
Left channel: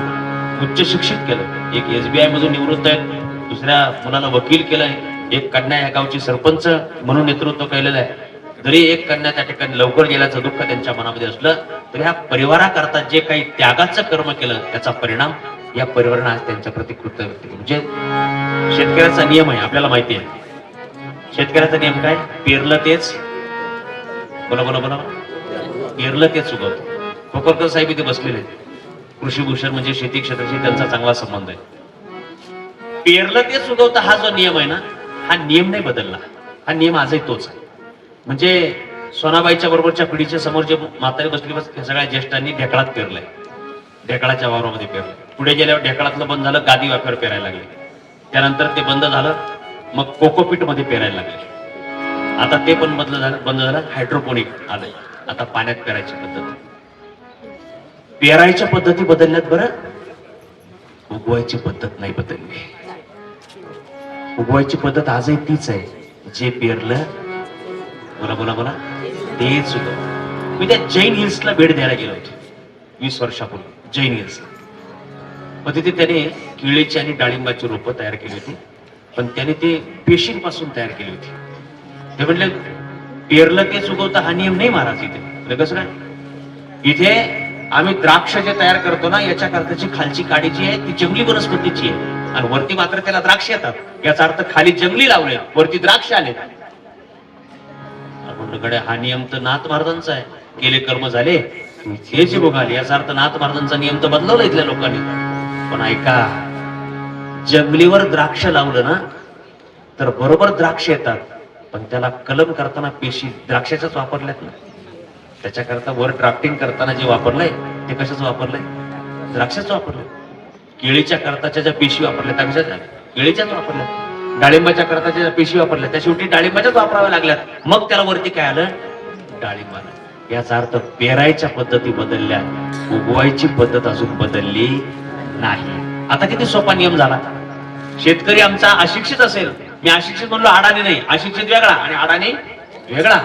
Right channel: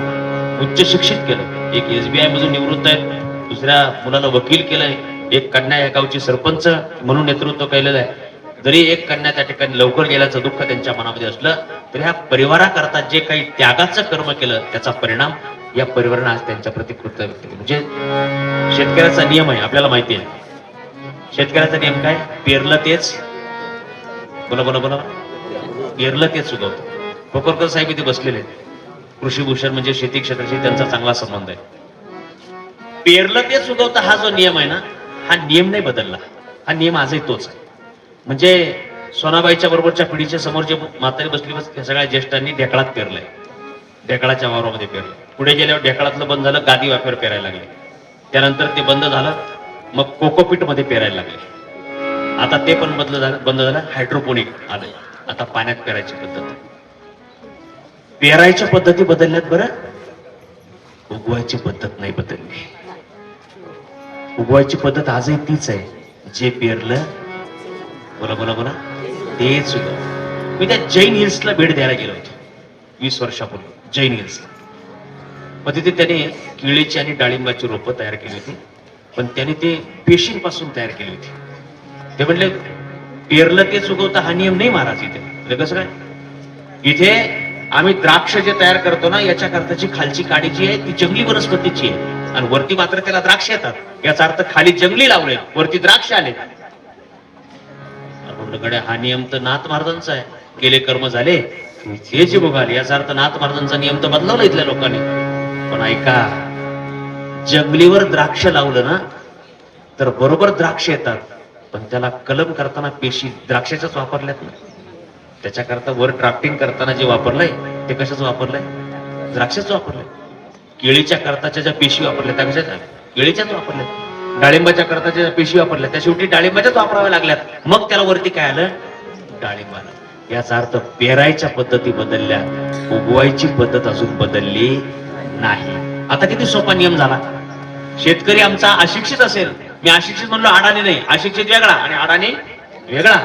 उच्च शिक्षित केलं. एक SBI मधून निवृत्त आहेत, दुसऱ्या मुलाला वकील केलंय, एक कन्या या गावची सरपंच म्हणून नेतृत्व केलेलं आहे. जरी एक कन्या त्या ठिकाणी लवकर गेल्याचं दुःख त्यांच्या मनामध्ये असलं तरी ह्या परिवाराकरता जे काही त्यागाचं कर्म केलं त्याचा परिणाम या परिवारानं आज त्यांच्या प्रति कृतज्ञ व्यक्त केलं. म्हणजे शेतकऱ्याचा नियम आहे, आपल्याला माहिती आहे. शेतकऱ्याचा नियम काय? पेरलं तेच, बोला बोला बोला, पेरलं तेच उगवतं. कोकरकर साहेब इथे बसलेले आहेत. कृषी भूषण म्हणजे शेती क्षेत्राशी त्यांचा चांगला संबंध आहे. पेरलं तेच उगवतं हा जो नियम आहे ना, हा नियम नाही बदलला, हा नियम आजही तोच आहे. म्हणजे सोनाबाईच्या बरोबरच्या पिढीच्या समोर जे म्हातारे बसली त्या सगळ्या ज्येष्ठांनी ढेकळात पेरलंय, ढेकळाच्या वावरामध्ये पेरलंय. पुढे गेल्यावर ढेकळातलं बंद झालं, गादी वाफ्यावर पेरायला लागले. त्यानंतर ते बंद झालं, मग कोकोपीट मध्ये पेरायला लागले. आता ते पण बंद झालं, हायड्रोपोनिक आलं. आता पाण्यात पेरायची पद्धत. पेरायच्या पद्धती बदलल्यात बरं, उगवायची पद्धत नाही बदलली. उगवायची पद्धत आजही तीच आहे. जे पेरलं, बोला बोला बोला, तेच उगव. मी त्या जैन हिल्सला भेट द्यायला गेलो होतो 20 वर्षापूर्वी, जैन हिल्सला. मग तिथे त्याने केळीची आणि डाळिंबाची रोपं तयार केली होती, पण त्याने ते पेशींपासून तयार केली होती. ते म्हणले पेरलं तेच उगवतं हा नियम नाही महाराज इथे. कसं काय? इथे आम्ही द्राक्ष जे तयार करतो ना, याच्या करताची खालची काडी जी आहे ती जंगली वनस्पतीची आहे, आणि वरती मात्र त्याला द्राक्ष येतात. याचा अर्थ खाली जंगली लावले, वरती द्राक्ष आले. हा नियम तर नाथ महाराजांचा आहे. केले कर्म झाले हे जे भोगाले, याचा अर्थ नाथ महाराजांचा नियम तर बदलवला इथल्या लोकांनी. पण ऐका, जंगलीवर द्राक्ष लावलं ना तर बरोबर द्राक्ष येतात, पण त्याला कलम करताना पेशी द्राक्षाच्याच वापरल्यात ना. त्याच्याकरता वर ड्राफ्टिंग करताना जे वापरलंय ते कशाच वापरलंय? द्राक्षाच वापरलंय. केळीच्या करताच्या ज्या पेशी वापरल्या त्या कशाच्या? केळीच्याच वापरल्या. डाळिंबाच्या करताच्या ज्या पेशी वापरल्या त्या शेवटी डाळिंबाच्याच वापराव्या लागल्यात. मग त्याला वरती काय आलं? डाळिंब आलं. याचा अर्थ पेरायच्या पद्धती बदलल्या, उगवायची पद्धत अजून बदलली नाही. आता किती सोपा नियम झाला. शेतकरी आमचा अशिक्षित असेल, मी अशिक्षित म्हणलो, अडाणी नाही, अशिक्षित वेगळा आणि अडाणी वेगळा.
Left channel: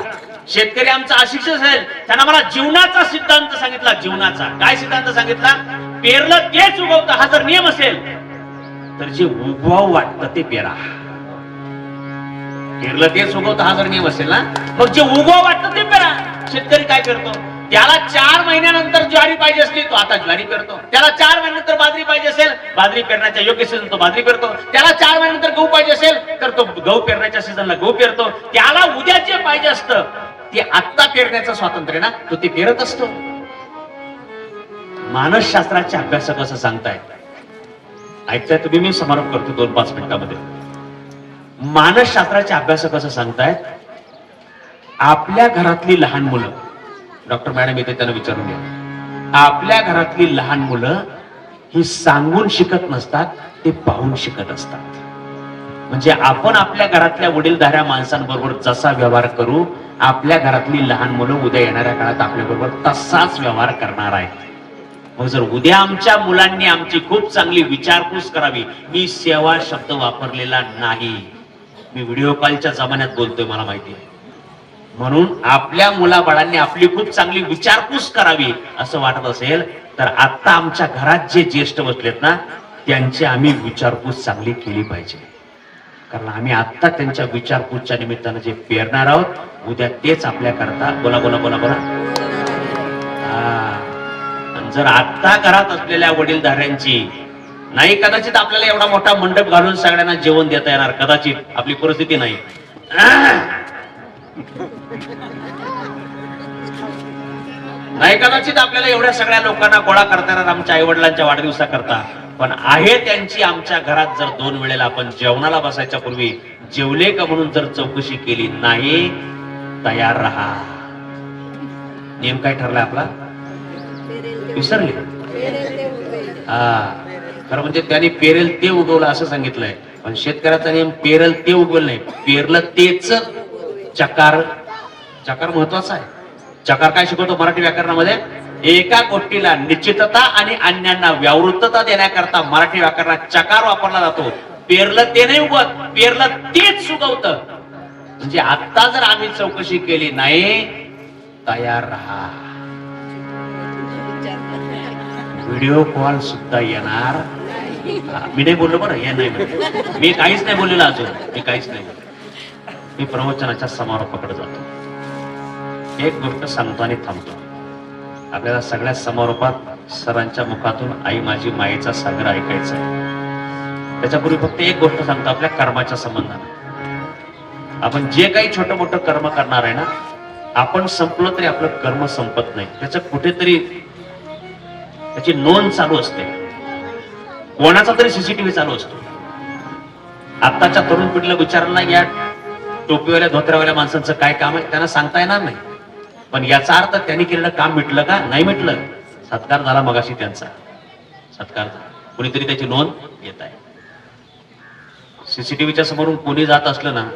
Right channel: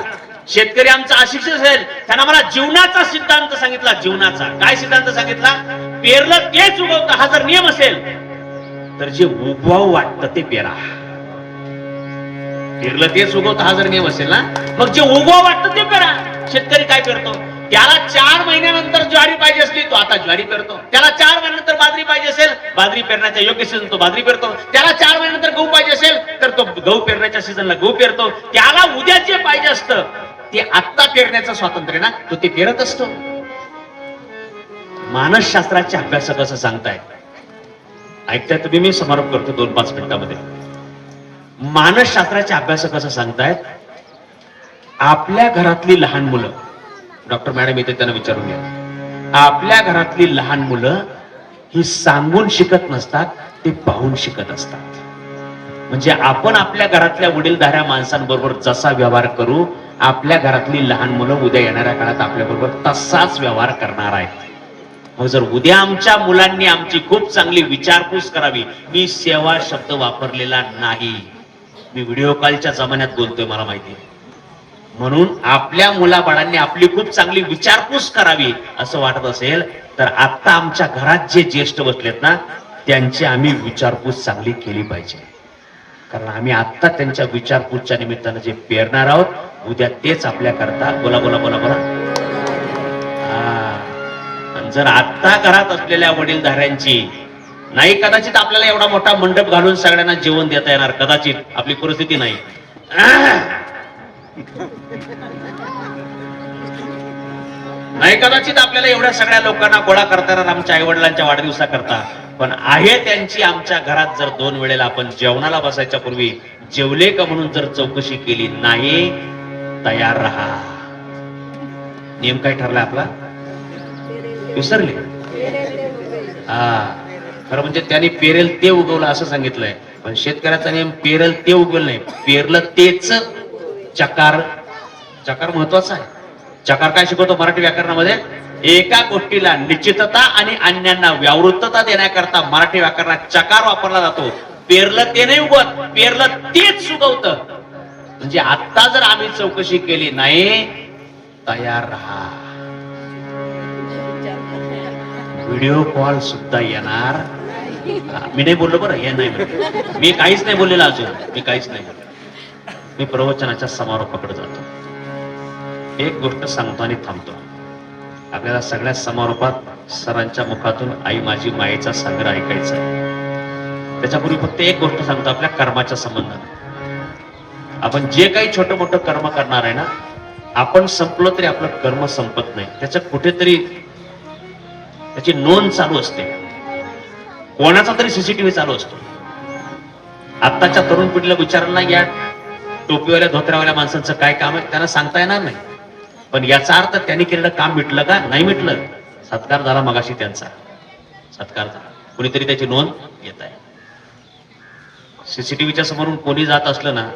शेतकरी आमचा अशिक्षित असेल, त्यांना मला जीवनाचा सिद्धांत सांगितला. जीवनाचा काय सिद्धांत सांगितला? पेरलं तेच उगवतं हा जर नियम असेल तर जे उगवावं वाटतं ते पेरा. पेरलं तेच उगवतं हा जर नियम असेल ना, मग जे उगवावं वाटतं ते पेरा. शेतकरी काय पेरतो? त्याला 4 महिन्यानंतर ज्वारी पाहिजे असली तो आता ज्वारी पेरतो. त्याला 4 महिन्यानंतर बाजरी पाहिजे असेल, बाजरी पेरण्याच्या योग्य सीझन तो बाजरी पेरतो. त्याला 4 महिन्यानंतर गहू पाहिजे असेल तर तो गहू पेरण्याच्या सीझनला गहू पेरतो. त्याला उद्या जे पाहिजे असतं ते आत्ता पेरण्याचं स्वातंत्र्य ना, तो ते पेरत असतो. मानसशास्त्राचे अभ्यासक असं सांगताय, ऐकताय तुम्ही? मी समारोप करतो 2-5 मिनिटांमध्ये. मानसशास्त्राचे अभ्यासक असं सांगतायत, आपल्या घरातली लहान मुलं, डॉक्टर मॅडम येते त्यांना विचारून घ्या, आपल्या घरातली लहान मुलं ही सांगून शिकत नसतात, ते पाहून शिकत असतात. म्हणजे आपण आपल्या घरातल्या वडीलधाऱ्या माणसांबरोबर जसा व्यवहार करू, आपल्या घरातली लहान मुलं उद्या येणाऱ्या काळात आपल्या बरोबर तसाच व्यवहार करणार आहेत. मग जर उद्या आमच्या मुलांनी आमची खूप चांगली विचारपूस करावी, मी सेवा शब्द वापरलेला नाही, मी व्हिडिओ कॉलच्या जमान्यात बोलतोय, मला माहिती आहे. म्हणून आपल्या मुलाबाळांनी आपली खूप चांगली विचारपूस करावी असं वाटत असेल तर आता आमच्या घरात जे ज्येष्ठ बसलेत ना, त्यांची आम्ही विचारपूस चांगली केली पाहिजे. कारण आम्ही आता त्यांच्या विचारपूसच्या निमित्तानं जे पेरणार आहोत, उद्या तेच आपल्या करता. बोला बोला बोला बोला. जर आता घरात असलेल्या वडीलधाऱ्यांची नाही, कदाचित आपल्याला एवढा मोठा मंडप घालून सगळ्यांना जेवण देता येणार, कदाचित आपली परिस्थिती नाही. नाही, कदाचित आपल्याला एवढ्या सगळ्या लोकांना गोळा करता येणार आमच्या आई वडिलांच्या वाढदिवसा करता. पण आहे त्यांची आमच्या घरात जर 2 वेळेला आपण जेवणाला बसायच्या पूर्वी जेवले का म्हणून जर चौकशी केली नाही, तयार राहा. नेम काय ठरलाय आपला? विसरले? खरं म्हणजे त्यांनी पेरेल ते उगवलं असं सांगितलंय, पण शेतकऱ्याचा नियम पेरेल ते उगवलं नाही, पेरलं तेच चकार. चकार महत्वाचा आहे. चकार काय शिकवतो मराठी व्याकरणामध्ये? एका गोष्टीला निश्चितता आणि अन्यांना व्यावृत्तता देण्याकरता मराठी व्याकरणात चकार वापरला जातो. पेरलं ते नाही उगवत, पेरलं तेच उगवतं. म्हणजे आता जर आम्ही चौकशी केली नाही, तयार राहा. व्हिडिओ कॉल सुद्धा येणार. मी नाही बोललो बरं, हे नाही, मी काहीच नाही बोललेलो अजून, मी काहीच नाही. मी प्रवचनाच्या समारोपाकडे जातो. एक गोष्ट सांगतो आणि थांबतो. आपल्याला सगळ्या समारोपात सरांच्या मुखातून आई माझी मायेचा सागर ऐकायचा आहे. त्याच्यापूर्वी फक्त एक गोष्ट सांगतो आपल्या कर्माच्या संबंधाने. आपण जे काही छोटं मोठं कर्म करणार आहे ना, आपण संपलो तरी आपलं कर्म संपत नाही. त्याच्या कुठेतरी त्याची नोंद चालू असते. कोणाचा तरी सीसीटीव्ही चालू असतो. आत्ताच्या तरुण पिढीला विचारला, या टोपीवाल्या धोत्र्यावाल्या माणसांचं काय काम आहे, त्यांना सांगता येणार नाही. पण याचा अर्थ त्यांनी केलेलं काम मिटलं का? नाही मिटलं. सत्कार झाला मगाशी त्यांचा, सत्कार झाला. कोणीतरी त्याची नोंद घेत आहे. सीसीटीव्हीच्या समोरून कोणी जात असलं ना,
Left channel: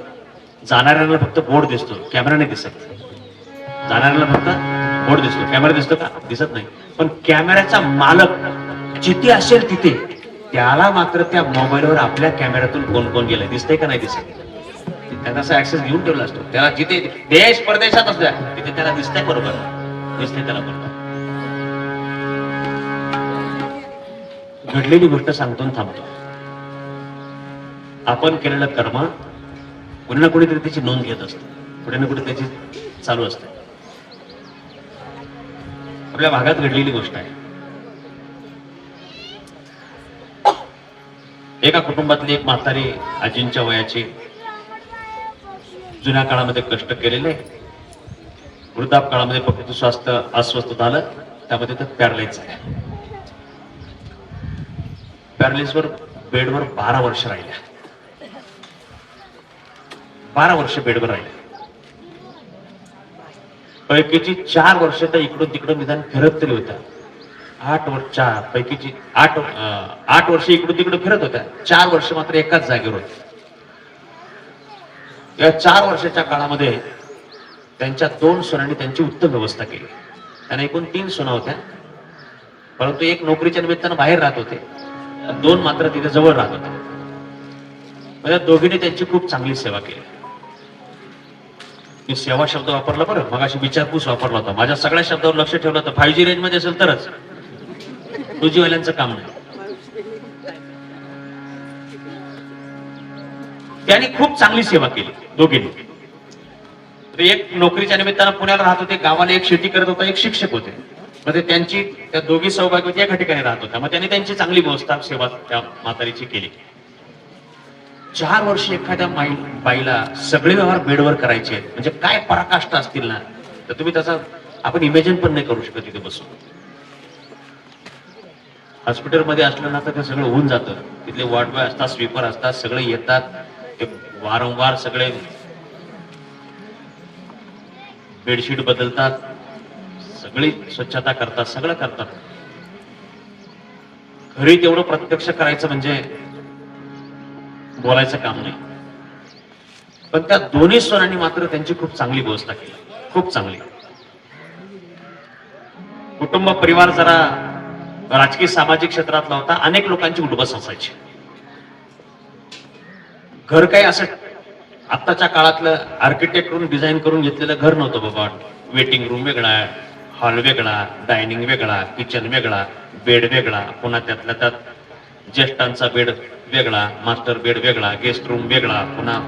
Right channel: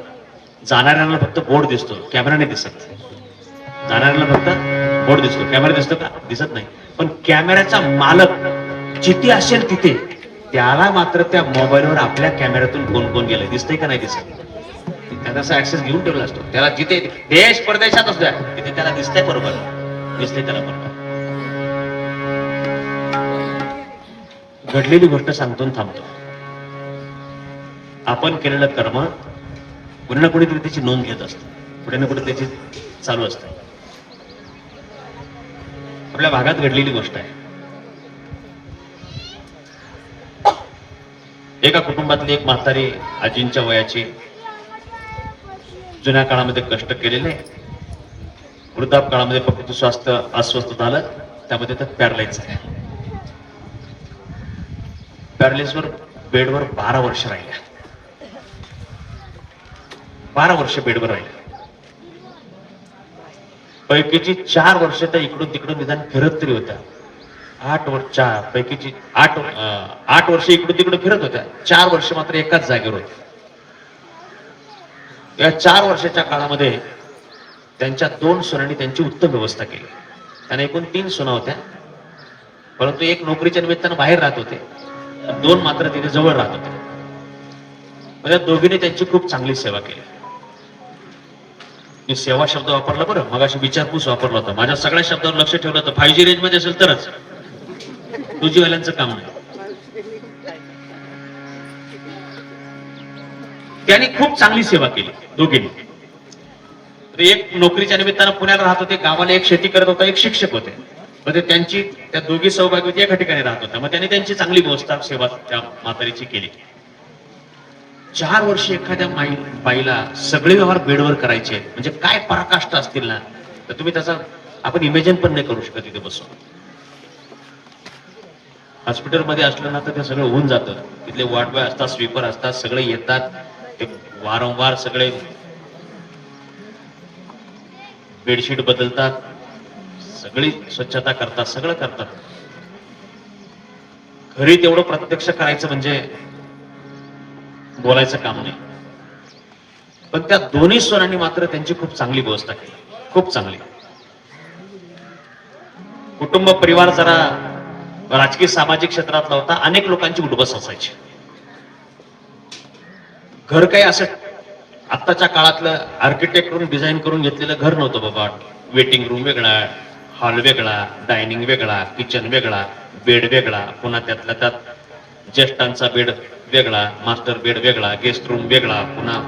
जाणाऱ्यांना फक्त बोर्ड दिसतो, कॅमेरा नाही दिसत. जाणाऱ्यांना फक्त बोर्ड दिसतो, कॅमेरा दिसतो का? दिसत नाही. पण कॅमेऱ्याचा मालक जिथे असेल तिथे त्याला मात्र त्या मोबाईलवर आपल्या कॅमेऱ्यातून कोण कोण गेलं दिसतंय का नाही दिसत. त्याला असा ऍक्सेस घेऊन ठेवला असतो. त्याला जिथे देश परदेशात असतो तिथे त्याला दिसतंय बरोबर, दिसतंय त्याला बरोबर. घडलेली गोष्ट सांगतो थांबतो. आपण केलेलं कर्म कुणी ना कुणीतरी त्याची नोंद घेत असतो, कुठे ना कुठे त्याची चालू असते. आपल्या भागात घडलेली गोष्ट आहे. एका कुटुंबातली एक म्हातारी आजींच्या वयाची, जुन्या काळामध्ये कष्ट केलेले, वृद्धाप काळामध्ये फक्त स्वास्थ्य अस्वस्थ झालं, त्यामध्ये तर पॅरालाइज झाल्या. पॅरालिसवर बेडवर 12 वर्ष राहिल्या. 12 वर्ष बेडवर राहिल्या. पैकीची 4 वर्ष तर इकडून तिकडून निदान फिरत तरी होत्या. 8 वर्ष इकडून तिकडून फिरत होत्या. 4 वर्ष मात्र एकाच जागेवर होत्या. या 4 वर्षाच्या काळामध्ये त्यांच्या 2 सुनांनी त्यांची उत्तम व्यवस्था केली. त्यांना एकूण 3 सुना होत्या, परंतु एक नोकरीच्या निमित्तानं बाहेर राहत होते, 2 मात्र तिथे जवळ राहत होते. म्हणजे दोघींनी त्यांची खूप चांगली सेवा केली. मी सेवा शब्द वापरला बरं, मगाशी विचारपूस वापरला होता. माझ्या सगळ्या शब्दावर लक्ष ठेवलं होतं. 5G रेंज मध्ये असेल तरच, 2G वाल्यांचं काम नाही. त्यांनी खूप चांगली सेवा केली दोघींनी. एक नोकरीच्या निमित्तानं पुण्याला राहत होते, गावाला एक शेती करत होता, एक शिक्षक होते. म्हणजे त्यांची त्या दोघी सहभागी होती, एका ठिकाणी राहत होत्या. मग त्यांनी त्यांची चांगली व्यवस्था सेवा त्या म्हातारीची केली. 4 वर्ष एखाद्या बाईला सगळे व्यवहार बेडवर करायचे आहेत म्हणजे काय पराकाष्ठा असतील ना, तर तुम्ही त्याचा आपण इमॅजिन पण नाही करू शकत. तिथे बसून हॉस्पिटलमध्ये असलं ना तर ते सगळं होऊन जातं. तिथले वॉर्ड बॉय असतात, स्वीपर असतात, सगळे येतात, ते वारंवार सगळे बेडशीट बदलतात, सगळी स्वच्छता करतात, सगळं करतात. घरी तेवढं प्रत्यक्ष करायचं म्हणजे बोलायचं काम नाही. पण त्या दोन्ही सुनांनी मात्र त्यांची खूप चांगली व्यवस्था केली, खूप चांगली. कुटुंब परिवार जरा राजकीय सामाजिक क्षेत्रातला होता. अनेक लोकांची उठबस असायची. घर काही असं आत्ताच्या काळातलं आर्किटेक्ट करून डिझाईन करून घेतलेलं घर नव्हतं बाबा. वेटिंग रूम वेगळा, हॉल वेगळा, डायनिंग वेगळा, किचन वेगळा, बेड वेगळा, पुन्हा त्यातल्या त्यात ज्येष्ठांचा बेड वेगळा, मास्टर बेड वेगळा, गेस्ट रूम वेगळा, पुन्हा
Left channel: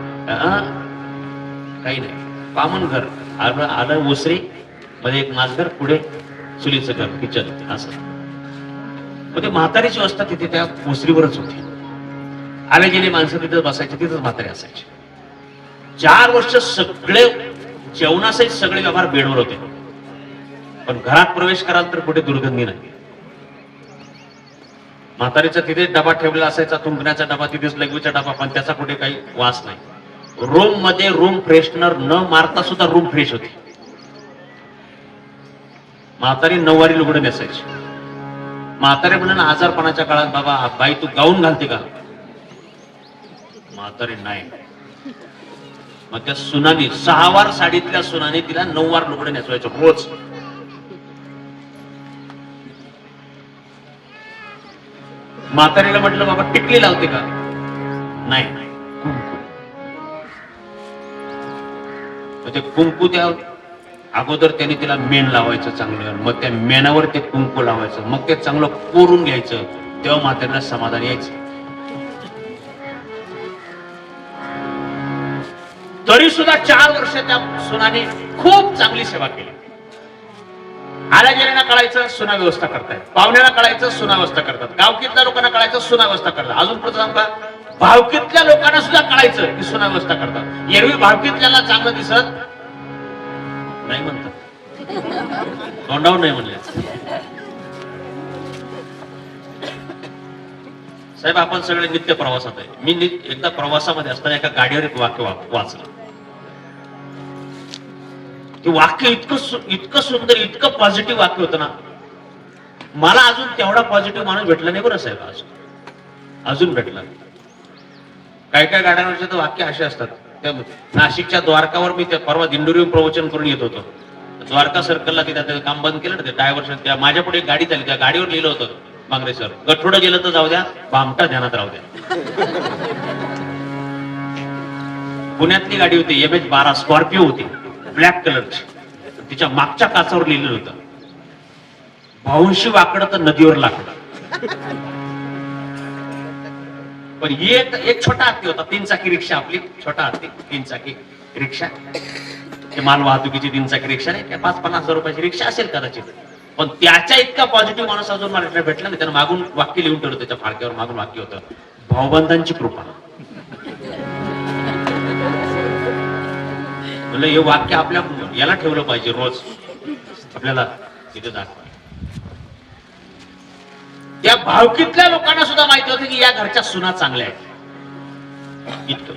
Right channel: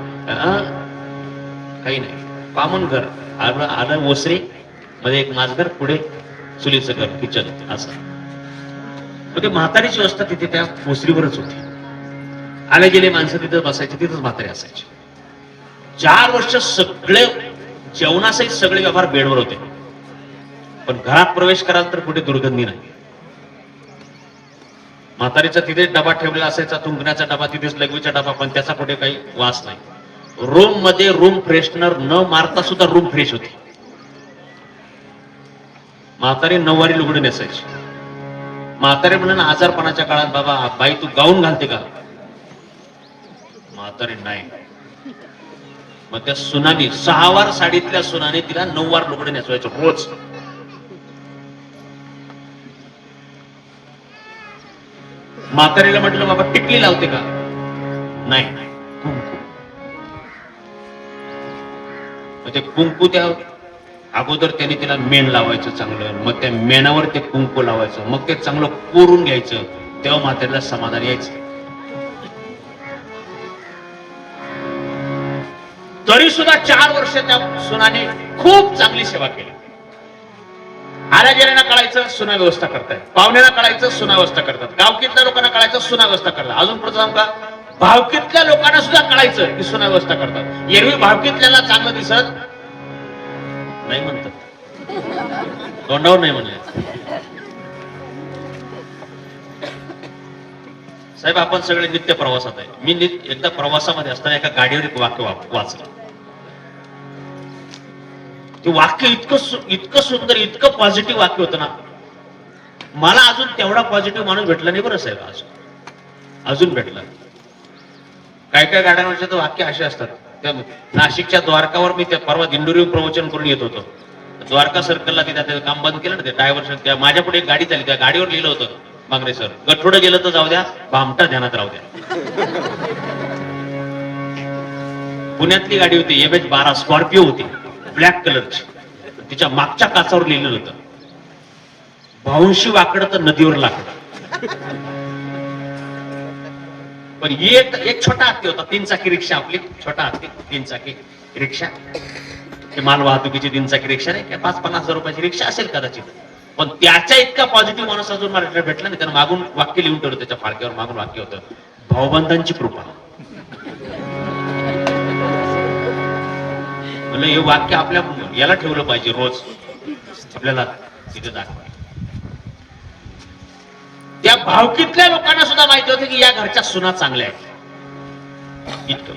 काही नाही, कॉमन घर. आलं ओसरी मध्ये एक नाचघर, पुढे चुलीचं घर, किचन, असं. ते म्हातारीची व्यवस्था तिथे त्या ओसरीवरच होती. आले गेले माणसं तिथं बसायचे, तिथंच म्हातारी असायची. 4 वर्ष सगळे जेवणासहित सगळे व्यवहार बेडवर होते. पण घरात प्रवेश कराल तर कुठे दुर्गंधी नाही. म्हातारीचा तिथेच डबा ठेवलेला असायचा, थुंकण्याचा डबा तिथेच, लघवीचा डबा, पण त्याचा कुठे काही वास नाही. रूम मध्ये रूम फ्रेशनर न मारता सुद्धा रूम फ्रेश होती. म्हातारी 9 वारी लुगडं नेसायची. म्हातारी म्हणून आजारपणाच्या काळात, बाबा बाई तू गाऊन घालते का? म्हातारी नाही. मग त्या सुनानी 6 वार साडीतल्या सुनाने तिला 9 वार लुगडे नेसवायचं रोज. म्हातारीला म्हटलं बाबा टिकली लावते का? नाही. कुंकू. मग ते कुंकू त्या अगोदर त्याने तिला मेण लावायचं चांगलं, मग त्या मेणावर ते कुंकू लावायचं, मग ते चांगलं कोरून घ्यायचं, तेव्हा म्हातारीला समाधान यायचं. तरी सुद्धा 4 वर्ष त्या सुनाने खूप चांगली सेवा केली. आल्या गेल्याना कळायचं सुना व्यवस्था करतायत, पाहुण्याला कळायचं सुना व्यवस्था करतात, गावकीतल्या लोकांना कळायचं सुना व्यवस्था करतात. अजून पुढे जाऊन का भावकीतल्या लोकांना सुद्धा कळायचं की सुना व्यवस्था करतात. एरवी भावकीतल्याला चांगलं दिसत नाही म्हणतात, तोंडावर नाही म्हणले. साहेब आपण सगळे नित्य प्रवासात आहे. मी एकदा प्रवासामध्ये असताना एका गाडीवर एक वाक्य वाचलं. ते वाक्य इतकं सुंदर, इतकं पॉझिटिव्ह वाक्य होतं ना. मला अजून तेवढा पॉझिटिव्ह माणूस भेटला नाही बरं साहेब, अजून भेटला. काय काय गाड्यांवरचे तर वाक्य असे असतात. त्या नाशिकच्या द्वारकावर मी त्या परवा दिंडोरी प्रवचन करून येत होतो. द्वारका सर्कलला तिथे काम बंद केलं ना, ते ड्रायव्हर, माझ्या पुढे एक गाडी चालली, त्या गाडीवर लिहिलं होतं बांगरे सर, गठोडं गेलं तर जाऊ द्या, भामटा ध्यानात राहू द्या. पुण्यातली गाडी होती, MH12 स्कॉर्पिओ होती, ब्लॅक कलरची. तिच्या मागच्या काचावर लिहिलेलं होतं, भाऊंशी वाकडं तर नदीवर लाकडं. पण एक छोटा हत्ती होता, 3 चाकी रिक्षा, आपली छोटा हत्ती 3 चाकी रिक्षा, माल वाहतुकीची 3 चाकी रिक्षा नाही, 5-50 हजार रुपयाची रिक्षा असेल कदाचित. पण त्याच्या इतका पॉझिटिव्ह माणूस अजून मला भेटला नाही. त्यानं मागून वाक्य लिहून ठेवलं, त्याच्या फाळक्यावर मागून वाक्य होतं, भाऊबंधांची कृपा. म्हणलं हे वाक्य आपल्या याला ठेवलं पाहिजे, रोज आपल्याला तिथे दाखवा. त्या भावकीतल्या लोकांना सुद्धा माहिती होतं की या घरच्या सुना चांगल्या आहेत.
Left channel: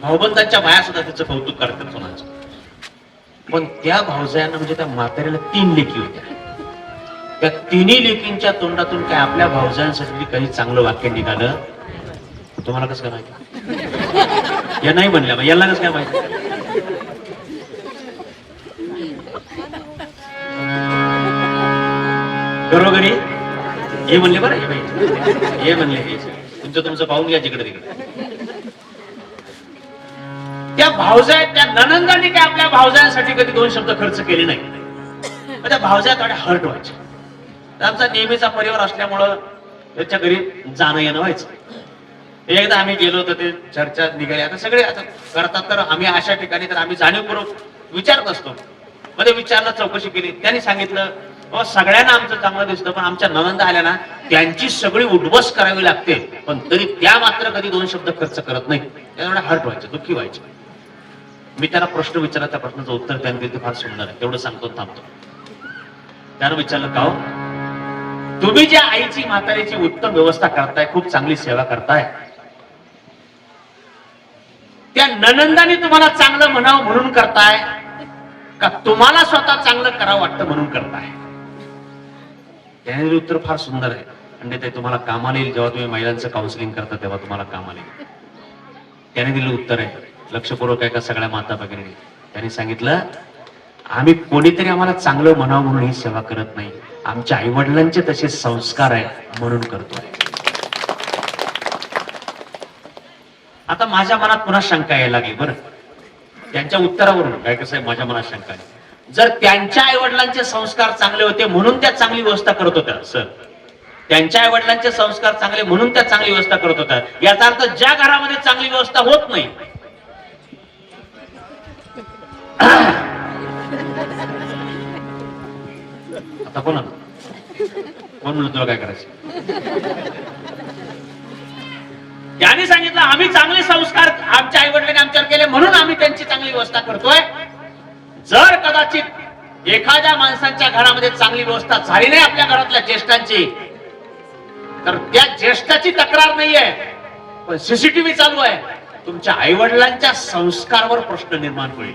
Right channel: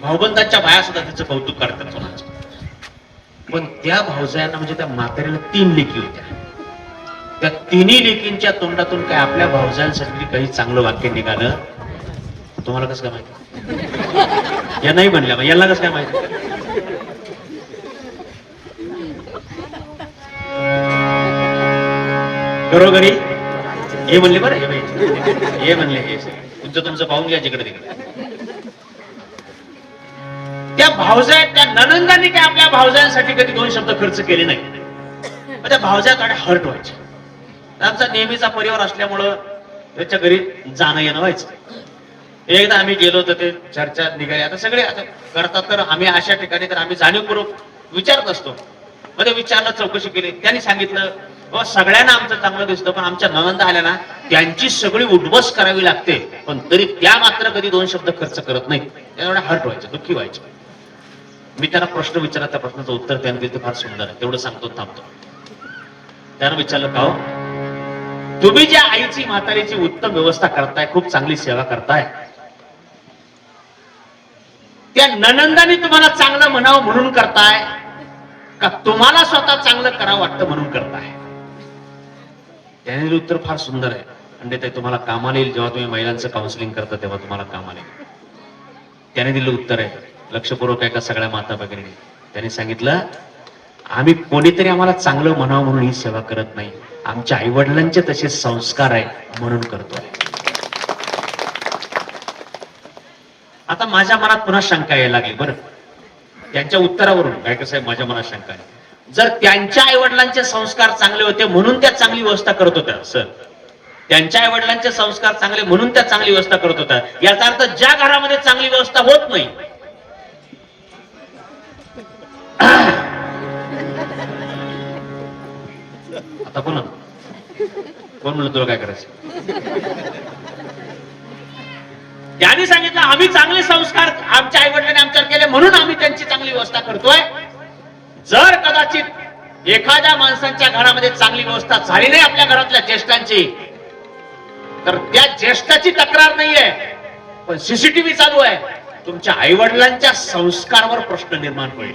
भाऊबंधांच्या बाया सुद्धा त्याचं कौतुक करतात सुनाचं. पण त्या भाऊजायांना, म्हणजे त्या म्हातारीला 3 लेकी होत्या. त्या 3ही लेकींच्या तोंडातून काय आपल्या भाऊजायांसाठी काही चांगलं वाक्य निघालं? तुम्हाला कसं काय माहिती? या नाही म्हणल्या, याला कसं काय माहिती? घरोघरी हे म्हणले बरं, हे म्हणले, तुमचं पाहून घ्या जिकडे तिकडे. त्या भावजाय, त्या ननंदांनी काय आपल्या भावजायांसाठी कधी 2 शब्द खर्च केले नाही. त्या भावजाया थोड्या हर्ट व्हायच्या. आमचा नेहमीचा परिवार असल्यामुळं त्याच्या घरी जाणं येणं व्हायचं. एकदा आम्ही गेलो होतो, ते चर्चा निघाली. आता सगळे आता करतात, तर आम्ही अशा ठिकाणी तर आम्ही जाणीवपूर्वक विचारत असतो. मध्ये विचारलं, चौकशी केली. त्यांनी सांगितलं सगळ्यांना आमचं चांगलं दिसतं, पण आमच्या ननंदा आल्या ना त्यांची सगळी उठबस करावी लागते, पण तरी त्या मात्र कधी 2 शब्द खर्च करत नाही. त्यामुळे हर्ट व्हायचं, दुःखी व्हायचं. मी त्याला प्रश्न विचारला, त्या प्रश्नाचं उत्तर त्याने दिलं, फार सुंदर आहे, तेवढं सांगतो थांबतो. त्यानं विचारलं, का तुम्ही ज्या आईची म्हातारीची उत्तम व्यवस्था करताय, खूप चांगली सेवा करताय, त्या ननंदाने तुम्हाला चांगलं म्हणावं म्हणून करताय का तुम्हाला स्वतः चांगलं करावं वाटतं म्हणून करताय? त्याने दिलं उत्तर फार सुंदर आहे. म्हणजे ते तुम्हाला कामाला येईल, जेव्हा तुम्ही महिलांचं काउन्सिलिंग करता तेव्हा तुम्हाला कामाला येईल. त्याने दिलं उत्तर आहे, लक्षपूर्वक आहे का सगळ्या माता भगिनी. त्यांनी सांगितलं, आम्ही कोणीतरी आम्हाला चांगलं म्हणावं म्हणून ही सेवा करत नाही, आमच्या आई वडिलांचे तसे संस्कार आहे म्हणून करतोय. आता माझ्या मनात पुन्हा शंका यायला लागली. बरं, त्यांच्या उत्तरावरून काय कसं आहे, माझ्या मनात शंका आहे, जर त्यांच्या आई वडिलांचे संस्कार चांगले होते म्हणून त्या चांगली व्यवस्था करत होत्या, सर त्यांच्या आई वडिलांचे संस्कार चांगले म्हणून त्या चांगली व्यवस्था करत होत्या, याचा अर्थ ज्या घरामध्ये चांगली व्यवस्था होत नाही, आता कोण म्हणलं तुला काय करायचं? त्यांनी सांगितलं आम्ही चांगले संस्कार आमच्या आई वडिलांनी आमच्यावर केले म्हणून आम्ही त्यांची चांगली व्यवस्था करतोय. जर कदाचित एखाद्या माणसांच्या घरामध्ये चांगली व्यवस्था झाली नाही आपल्या घरातल्या ज्येष्ठांची, तर त्या ज्येष्ठाची तक्रार नाहीये, पण सीसीटीव्ही चालू आहे, तुमच्या आई वडिलांच्या संस्कारावर प्रश्न निर्माण होईल.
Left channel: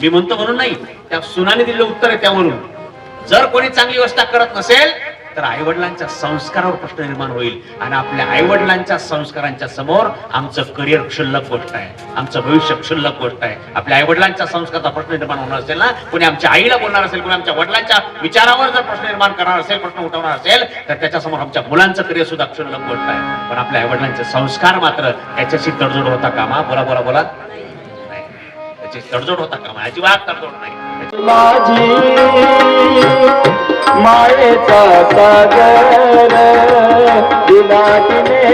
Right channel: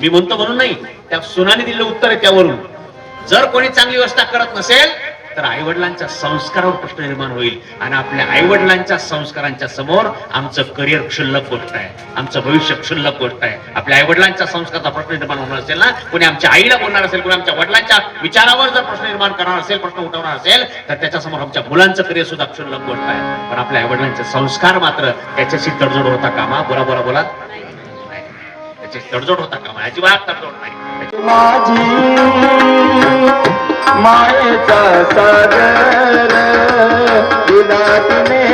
मी म्हणतो म्हणून नाही, त्या सुनाने दिलेलं उत्तर आहे त्यावरून. जर कोणी चांगली व्यवस्था करत नसेल तर आई वडिलांच्या संस्कारावर प्रश्न निर्माण होईल, आणि आपल्या आई वडिलांच्या संस्कारांच्या समोर आमचं करिअर क्षुल्लक गोष्ट आहे, आमचं भविष्य क्षुल्लक गोष्ट आहे. आपल्या आई वडिलांच्या संस्काराचा प्रश्न निर्माण होणार असेल ना, कोणी आमच्या आईला बोलणार असेल, कोणी आमच्या वडिलांच्या विचारावर जर प्रश्न निर्माण करणार असेल, प्रश्न उठवणार असेल, तर त्याच्यासमोर आमच्या मुलांचं करिअर सुद्धा क्षुल्लक गोष्ट आहे. पण आपल्या आई वडिलांचे संस्कार मात्र त्याच्याशी तडजोड होता कामा. बोला बोला बोला, त्याची तडजोड होता कामा, अजिबात तडजोड नाही. माझी मायेचा सागर दिला तिने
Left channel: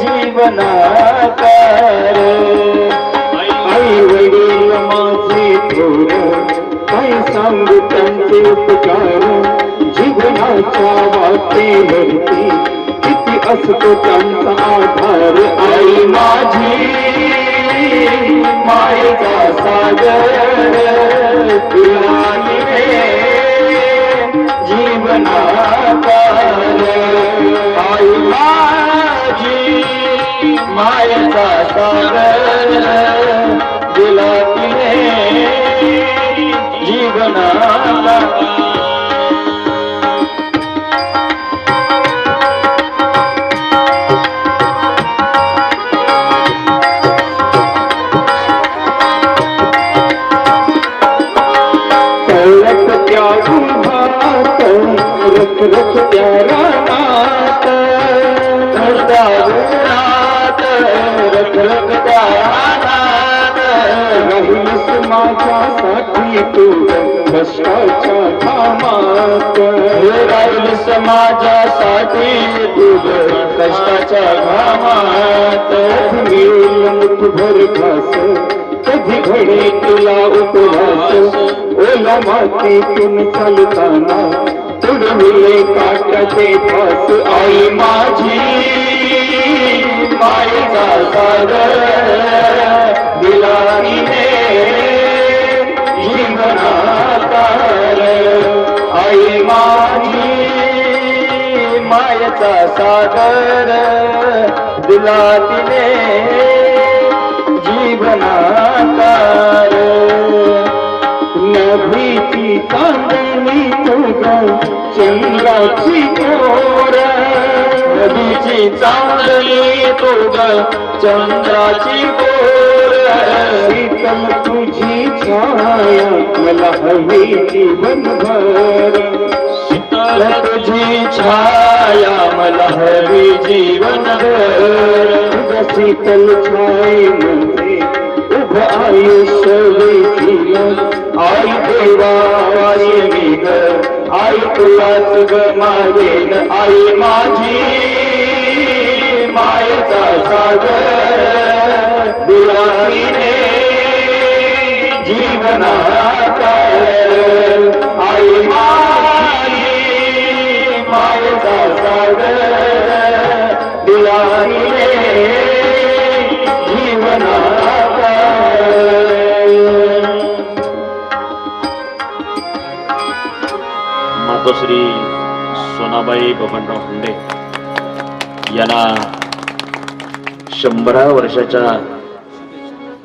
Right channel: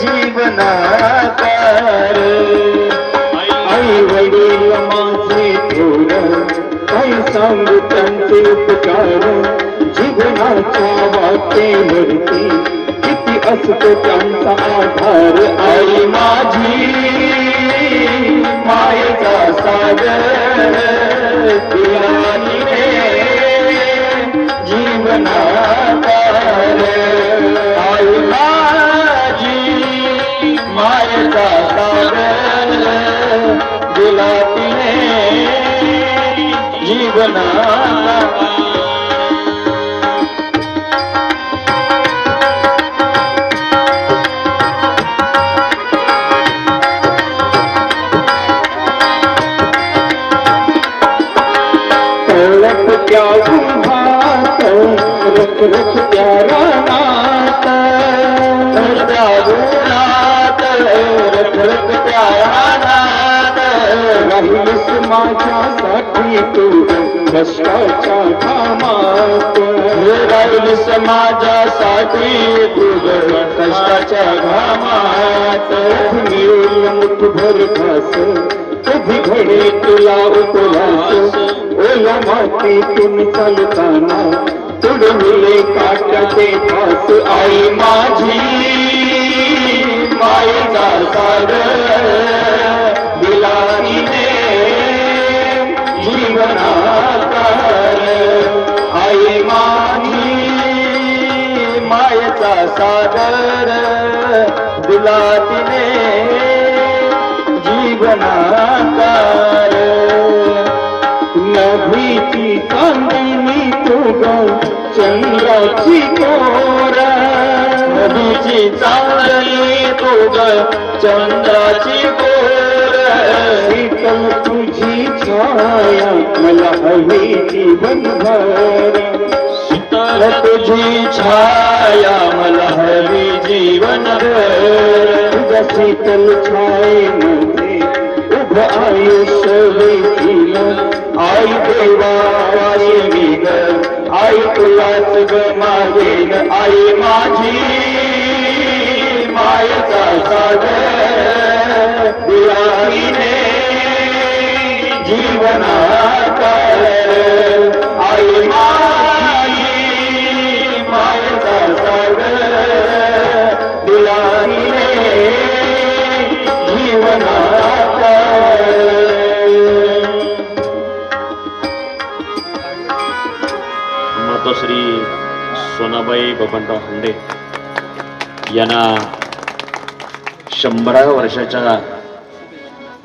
जीवनाकार. आई वडील माझे थोर काय सांगू त्यांचे उपकार. जीवनाच्या वाटेवरती किती असतो त्यांचा आधार. आई माझी मायेचा सागर तुला जीवनाकार. आई माझी मायेचा सागर दिला तिने जीवनाकार. रख रख प्यारा नात दारुणात. रख रख प्यारा नात राहिलीस माझ्यासाठी तू कष्टाच्या घामात. राहिलीस माझ्यासाठी तू कष्टाच्या घामात. मिळून मुठभर घास कधी घडे तुला उपवास. ओला मातीतून चालताना तुडविले काटाचे फास. आई माझी मायेचा सागर दिला तिने जीवनाकार. आई माझी मायेचा सागर दिला तिने जीवनाकार. नभीची चांदणी तू ग चंद्राची कोर. नभीची चांदणी तू ग चंद्राची कोर. शीतल तुझी छाया मला हवी जीवनभर. शीतल तुझी छाया मला हवी जीवनभर. तुझ्या शीतल छायेमध्ये उभ आयुष्य वेचील. आई देवाची मी ग आई तुलाच ग मागेन. आई माझी मायेचा सागर दिला तिने जीवनाकार. आई माझी मायेचा सागर दिला तिने जीवनाकार. मातोश्री सोनाबाई बबनराव हुंडे यांना 100व्या वर्षाच्या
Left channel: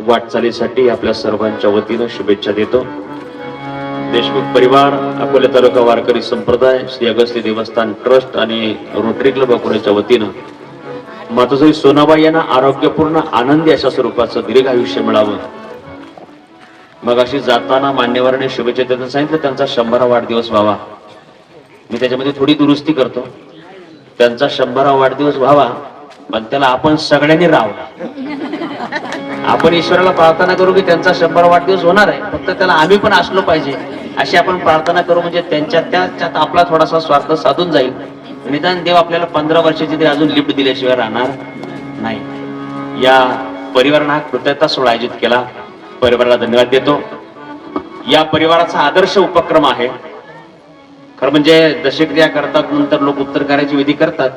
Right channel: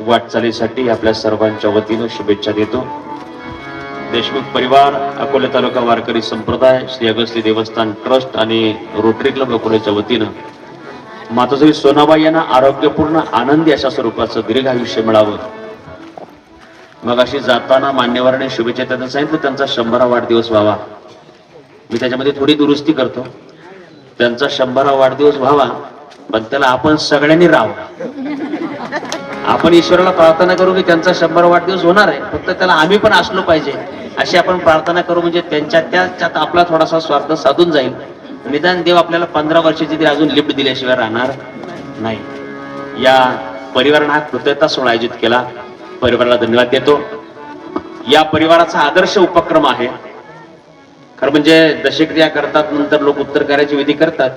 वाटचालीसाठी आपल्या सर्वांच्या वतीनं शुभेच्छा देतो. देशमुख परिवार, अकोला तालुका वारकरी संप्रदाय, श्री अगस्ती देवस्थान ट्रस्ट आणि रोटरी क्लब अकोल्याच्या वतीनं मातोश्री सोनाबाई यांना आरोग्यपूर्ण आनंदी अशा स्वरूपाचं दीर्घ आयुष्य मिळावं मग अशी जाताना मान्यवरांनी शुभेच्छा देताना सांगितलं त्यांचा 100वा वाढदिवस व्हावा. मी त्याच्यामध्ये थोडी दुरुस्ती करतो. त्यांचा 100वा वाढदिवस व्हावा, पण त्याला आपण सगळ्यांनी राहावं. आपण ईश्वराला प्रार्थना करू की त्यांचा 100वा वाढदिवस होणार आहे, फक्त त्याला आम्ही पण असलो पाहिजे अशी आपण प्रार्थना करू. म्हणजे त्याच्यात आपला थोडासा स्वार्थ साधून जाईल. निदान देव आपल्याला 15 वर्षाची तरी अजून लिफ्ट दिल्याशिवाय राहणार नाही. या परिवारानं हा कृतज्ञता सोहळा आयोजित केला. परिवाराला धन्यवाद देतो. या परिवाराचा आदर्श उपक्रम आहे. खरं म्हणजे दशक्रिया करतात, नंतर लोक उत्तर कार्याची विधी करतात.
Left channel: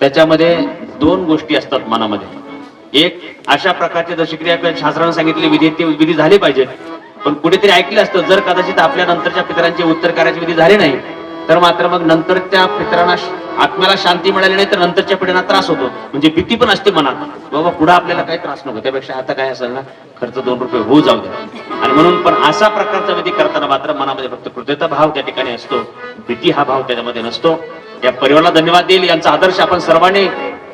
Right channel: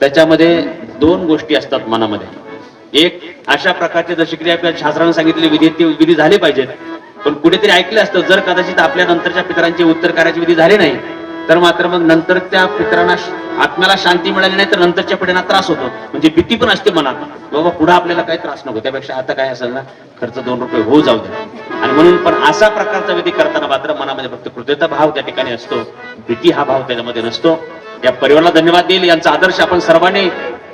त्याच्यामध्ये 2 गोष्टी असतात मनामध्ये. एक, अशा प्रकारचे दशक्रिया किंवा शास्त्राने सांगितलेली विधी ते विधी झाले पाहिजेत. पण कुठेतरी ऐकलं असतं, जर कदाचित आपल्या नंतरच्या पितरांचे उत्तर कार्याची विधी झाले नाही तर मात्र मग नंतर त्या पितरांना आत्म्याला शांती मिळाली नाही तर नंतरच्या पिढ्यांना त्रास होतो. म्हणजे भीती पण असते मनात, बाबा पुढे आपल्याला काही त्रास नको, त्यापेक्षा आता काय असेल ना खर्च 2 रुपये होऊ जाऊ द्या. आणि म्हणून पण असा प्रकारचा विधी करताना मात्र मनामध्ये फक्त कृतज्ञता भाव त्या ठिकाणी असतो, भीती हा भाव त्याच्यामध्ये नसतो. या परिवाराला धन्यवाद देईल. यांचा आदर्श आपण सर्वांनी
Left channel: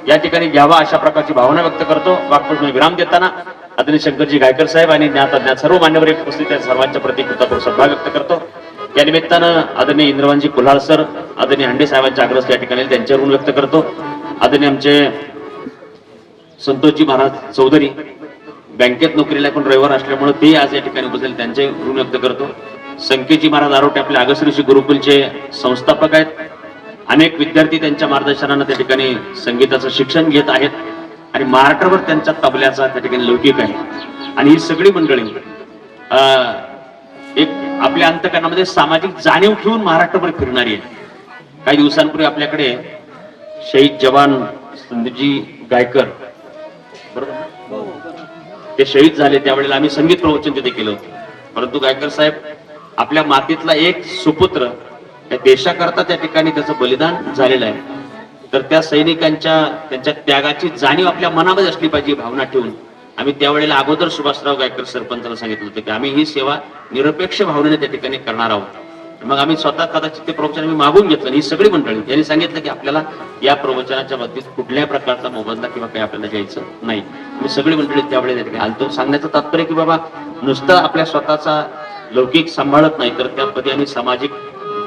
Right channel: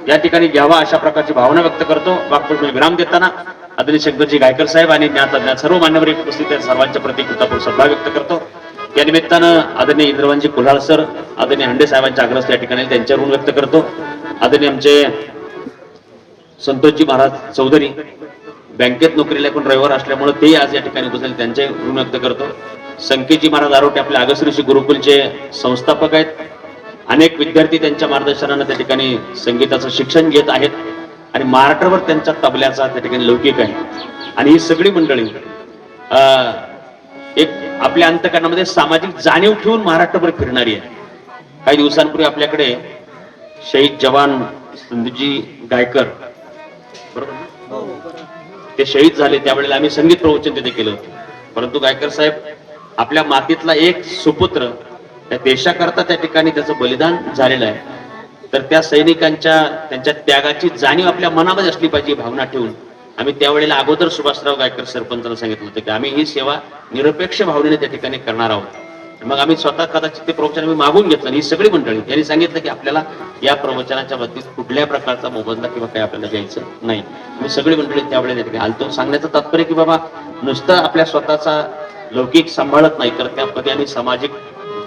या ठिकाणी घ्यावा अशा प्रकारची भावना व्यक्त करतो. वाक्प्रचार विराम देताना आदरणीय शंकरजी गायकर साहेब आणि ज्ञात सर्व मान्यवर उपस्थित आहेत सर्वांच्या प्रति कृतज्ञता सद्भाव व्यक्त करतो. या निमित्तानं आदरणीय इंद्रवांजी कुल्हाळ सर, आदरणीय हांडे साहेबांच्या आग्रह या ठिकाणी त्यांच्या ऋण व्यक्त करतो. आदरणीय आमचे संतोषजी महाराज चौधरी बँकेत नोकरीला पण रविवार असल्यामुळे ते आज या ठिकाणी उपस्थित, त्यांचे ऋण व्यक्त करतो. संकेतजी महाराज आरोटे आपले आगश्री गुरुकुलचे संस्थापक आहेत. अनेक विद्यार्थी त्यांच्या मार्गदर्शनानं त्या ठिकाणी संगीताचं शिक्षण घेत आहेत आणि महाराष्ट्रभर त्यांच्या तबल्याचा त्या ठिकाणी लौकिक आहे. आणि ही सगळी मंडळी एक आपल्या अंतकरणामध्ये सामाजिक जाणीव ठेवून महाराष्ट्रभर फिरणारी आहे. काही दिवसांपूर्वी आपल्याकडे शहीद जवान संदीपजी गायकर बरोबर ते शहीद झाले, त्यावेळेला आम्ही संगीत प्रवचन तिथे केलं होतं. परंतु गायकर साहेब आपल्या मातीतला एक सुपुत्र त्या देशाकरता त्या ठिकाणी त्याचं बलिदान झालेलं आहे. तर त्या सैनिकांच्या त्यांच्या त्यागाची जाणीव आपल्या मनामध्ये असली पाहिजे भावना ठेवून आम्ही त्यावेळेला अगोदर सुभाषराव गायकर सरपंचाला सांगितलं होतं की आम्ही ही सेवा निरपेक्ष भावनेने त्या ठिकाणी करणार आहोत. मग आम्ही स्वतः कदाचित ते प्रवचन आम्ही मागून घेतलं. ही सगळी मंडळी यांनी सांगितलं की आपल्याला या प्रवचनाच्या बाबतीत कुठल्या प्रकारचा मोबदला किंवा काही आपल्याला द्यायचं नाही. मी सगळी मंडळी त्यावेळेला त्या ठिकाणी आलतो. सांगण्याचं तात्पर्य की बाबा नुसतं आपल्या स्वतःचा लौकिक सांभाळत नाही तर त्यामध्ये आम्ही सामाजिक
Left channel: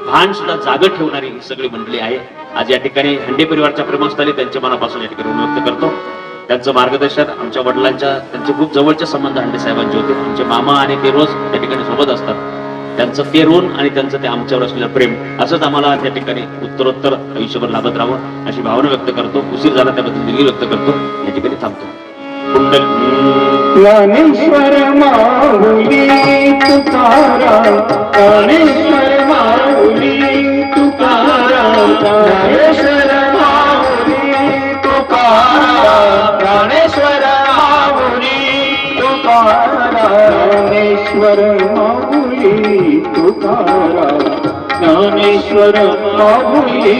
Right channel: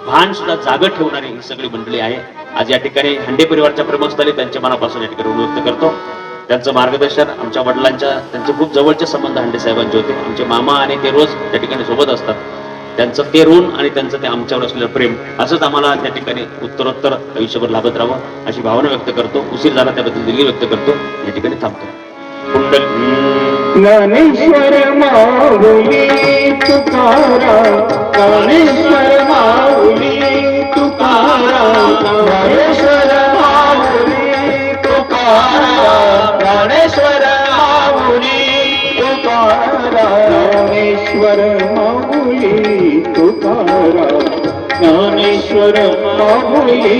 भान सुद्धा जाग ठेवणारी ही सगळी मंडळी आहे. आज या ठिकाणी हांडे परिवारच्या प्रेमस्थळी त्यांच्या मनापासून या ठिकाणी व्यक्त करतो. त्यांचं मार्गदर्शन आमच्या वडिलांच्या त्यांचे खूप जवळचे संबंध हांडे साहेबांचे होते. आमचे मामा आणि ते रोज त्या ठिकाणी सोबत असतात. त्यांचं ते ऋण आणि त्यांचं ते आमच्यावर असलेलं प्रेम असंच आम्हाला त्या ठिकाणी उत्तरोत्तर आयुष्यभर लाभत राहावं अशी भावना व्यक्त करतो. उशीर झाला त्याबद्दल दिलगिरी व्यक्त करतो. या ठिकाणी थांबतो. ज्ञानेश्वर माऊली तुकाराम, ज्ञानेश्वर माऊली तुकाराम, ज्ञानेश्वर माऊली तुकाराम, ज्ञानेश्वर माऊली तुकाराम, ज्ञानेश्वर माऊली तुकाराम, ज्ञानेश्वर माऊली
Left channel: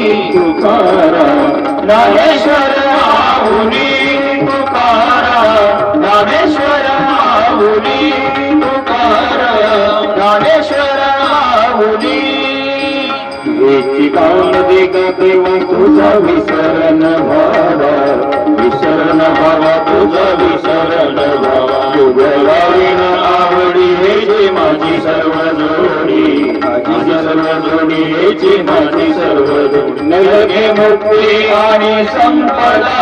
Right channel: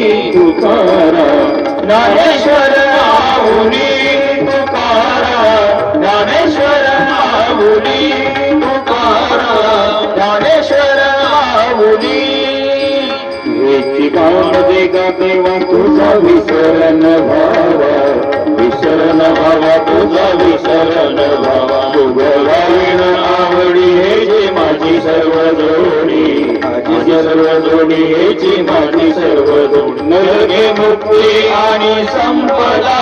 तुकाराम, ज्ञानेश्वर माऊली तुकाराम, ज्ञानेश्वर माऊली तुकाराम, ज्ञानेश्वर माऊली. याची कामदे गा देवा तुझा विसरण भावा, विसरण भावा तुझा विसरण भावा, तुगलावीन आवडी हेची माझी सर्व जोडी, माझी सर्व जोडी हेची माझी सर्व जोडी. नरके मुक्ती आणि संपदा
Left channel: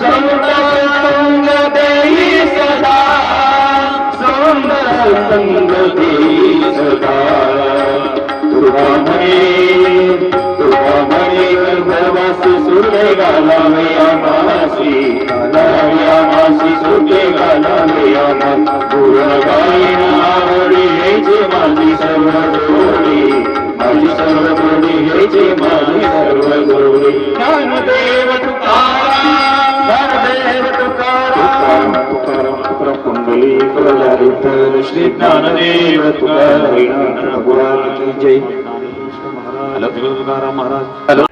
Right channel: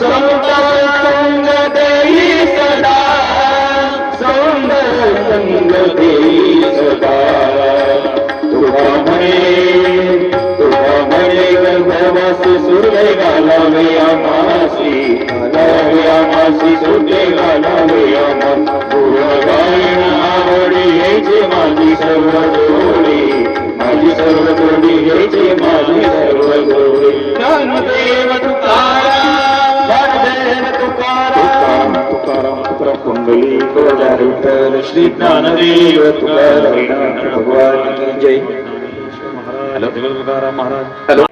संत संग देई सदा, संत संग देई सदा. तुका म्हणे गर्भवास सुरे घालावे आमासी, घालावे आमासी सुटे घालावे आमासी. गुणगायन आवडी हेचे माझी सर्व जोडी, माझी सर्व जोडी हेचे माझी सर्व जोडी. ज्ञानदेव तुकाराम, ज्ञानदेव तुकाराम, तुकाराम तुकाराम कुंडली कोला विठ्ठल श्री ज्ञानदेव तुकाराम भगवान की जय. हॅलो तुकाराम महाराज. हॅलो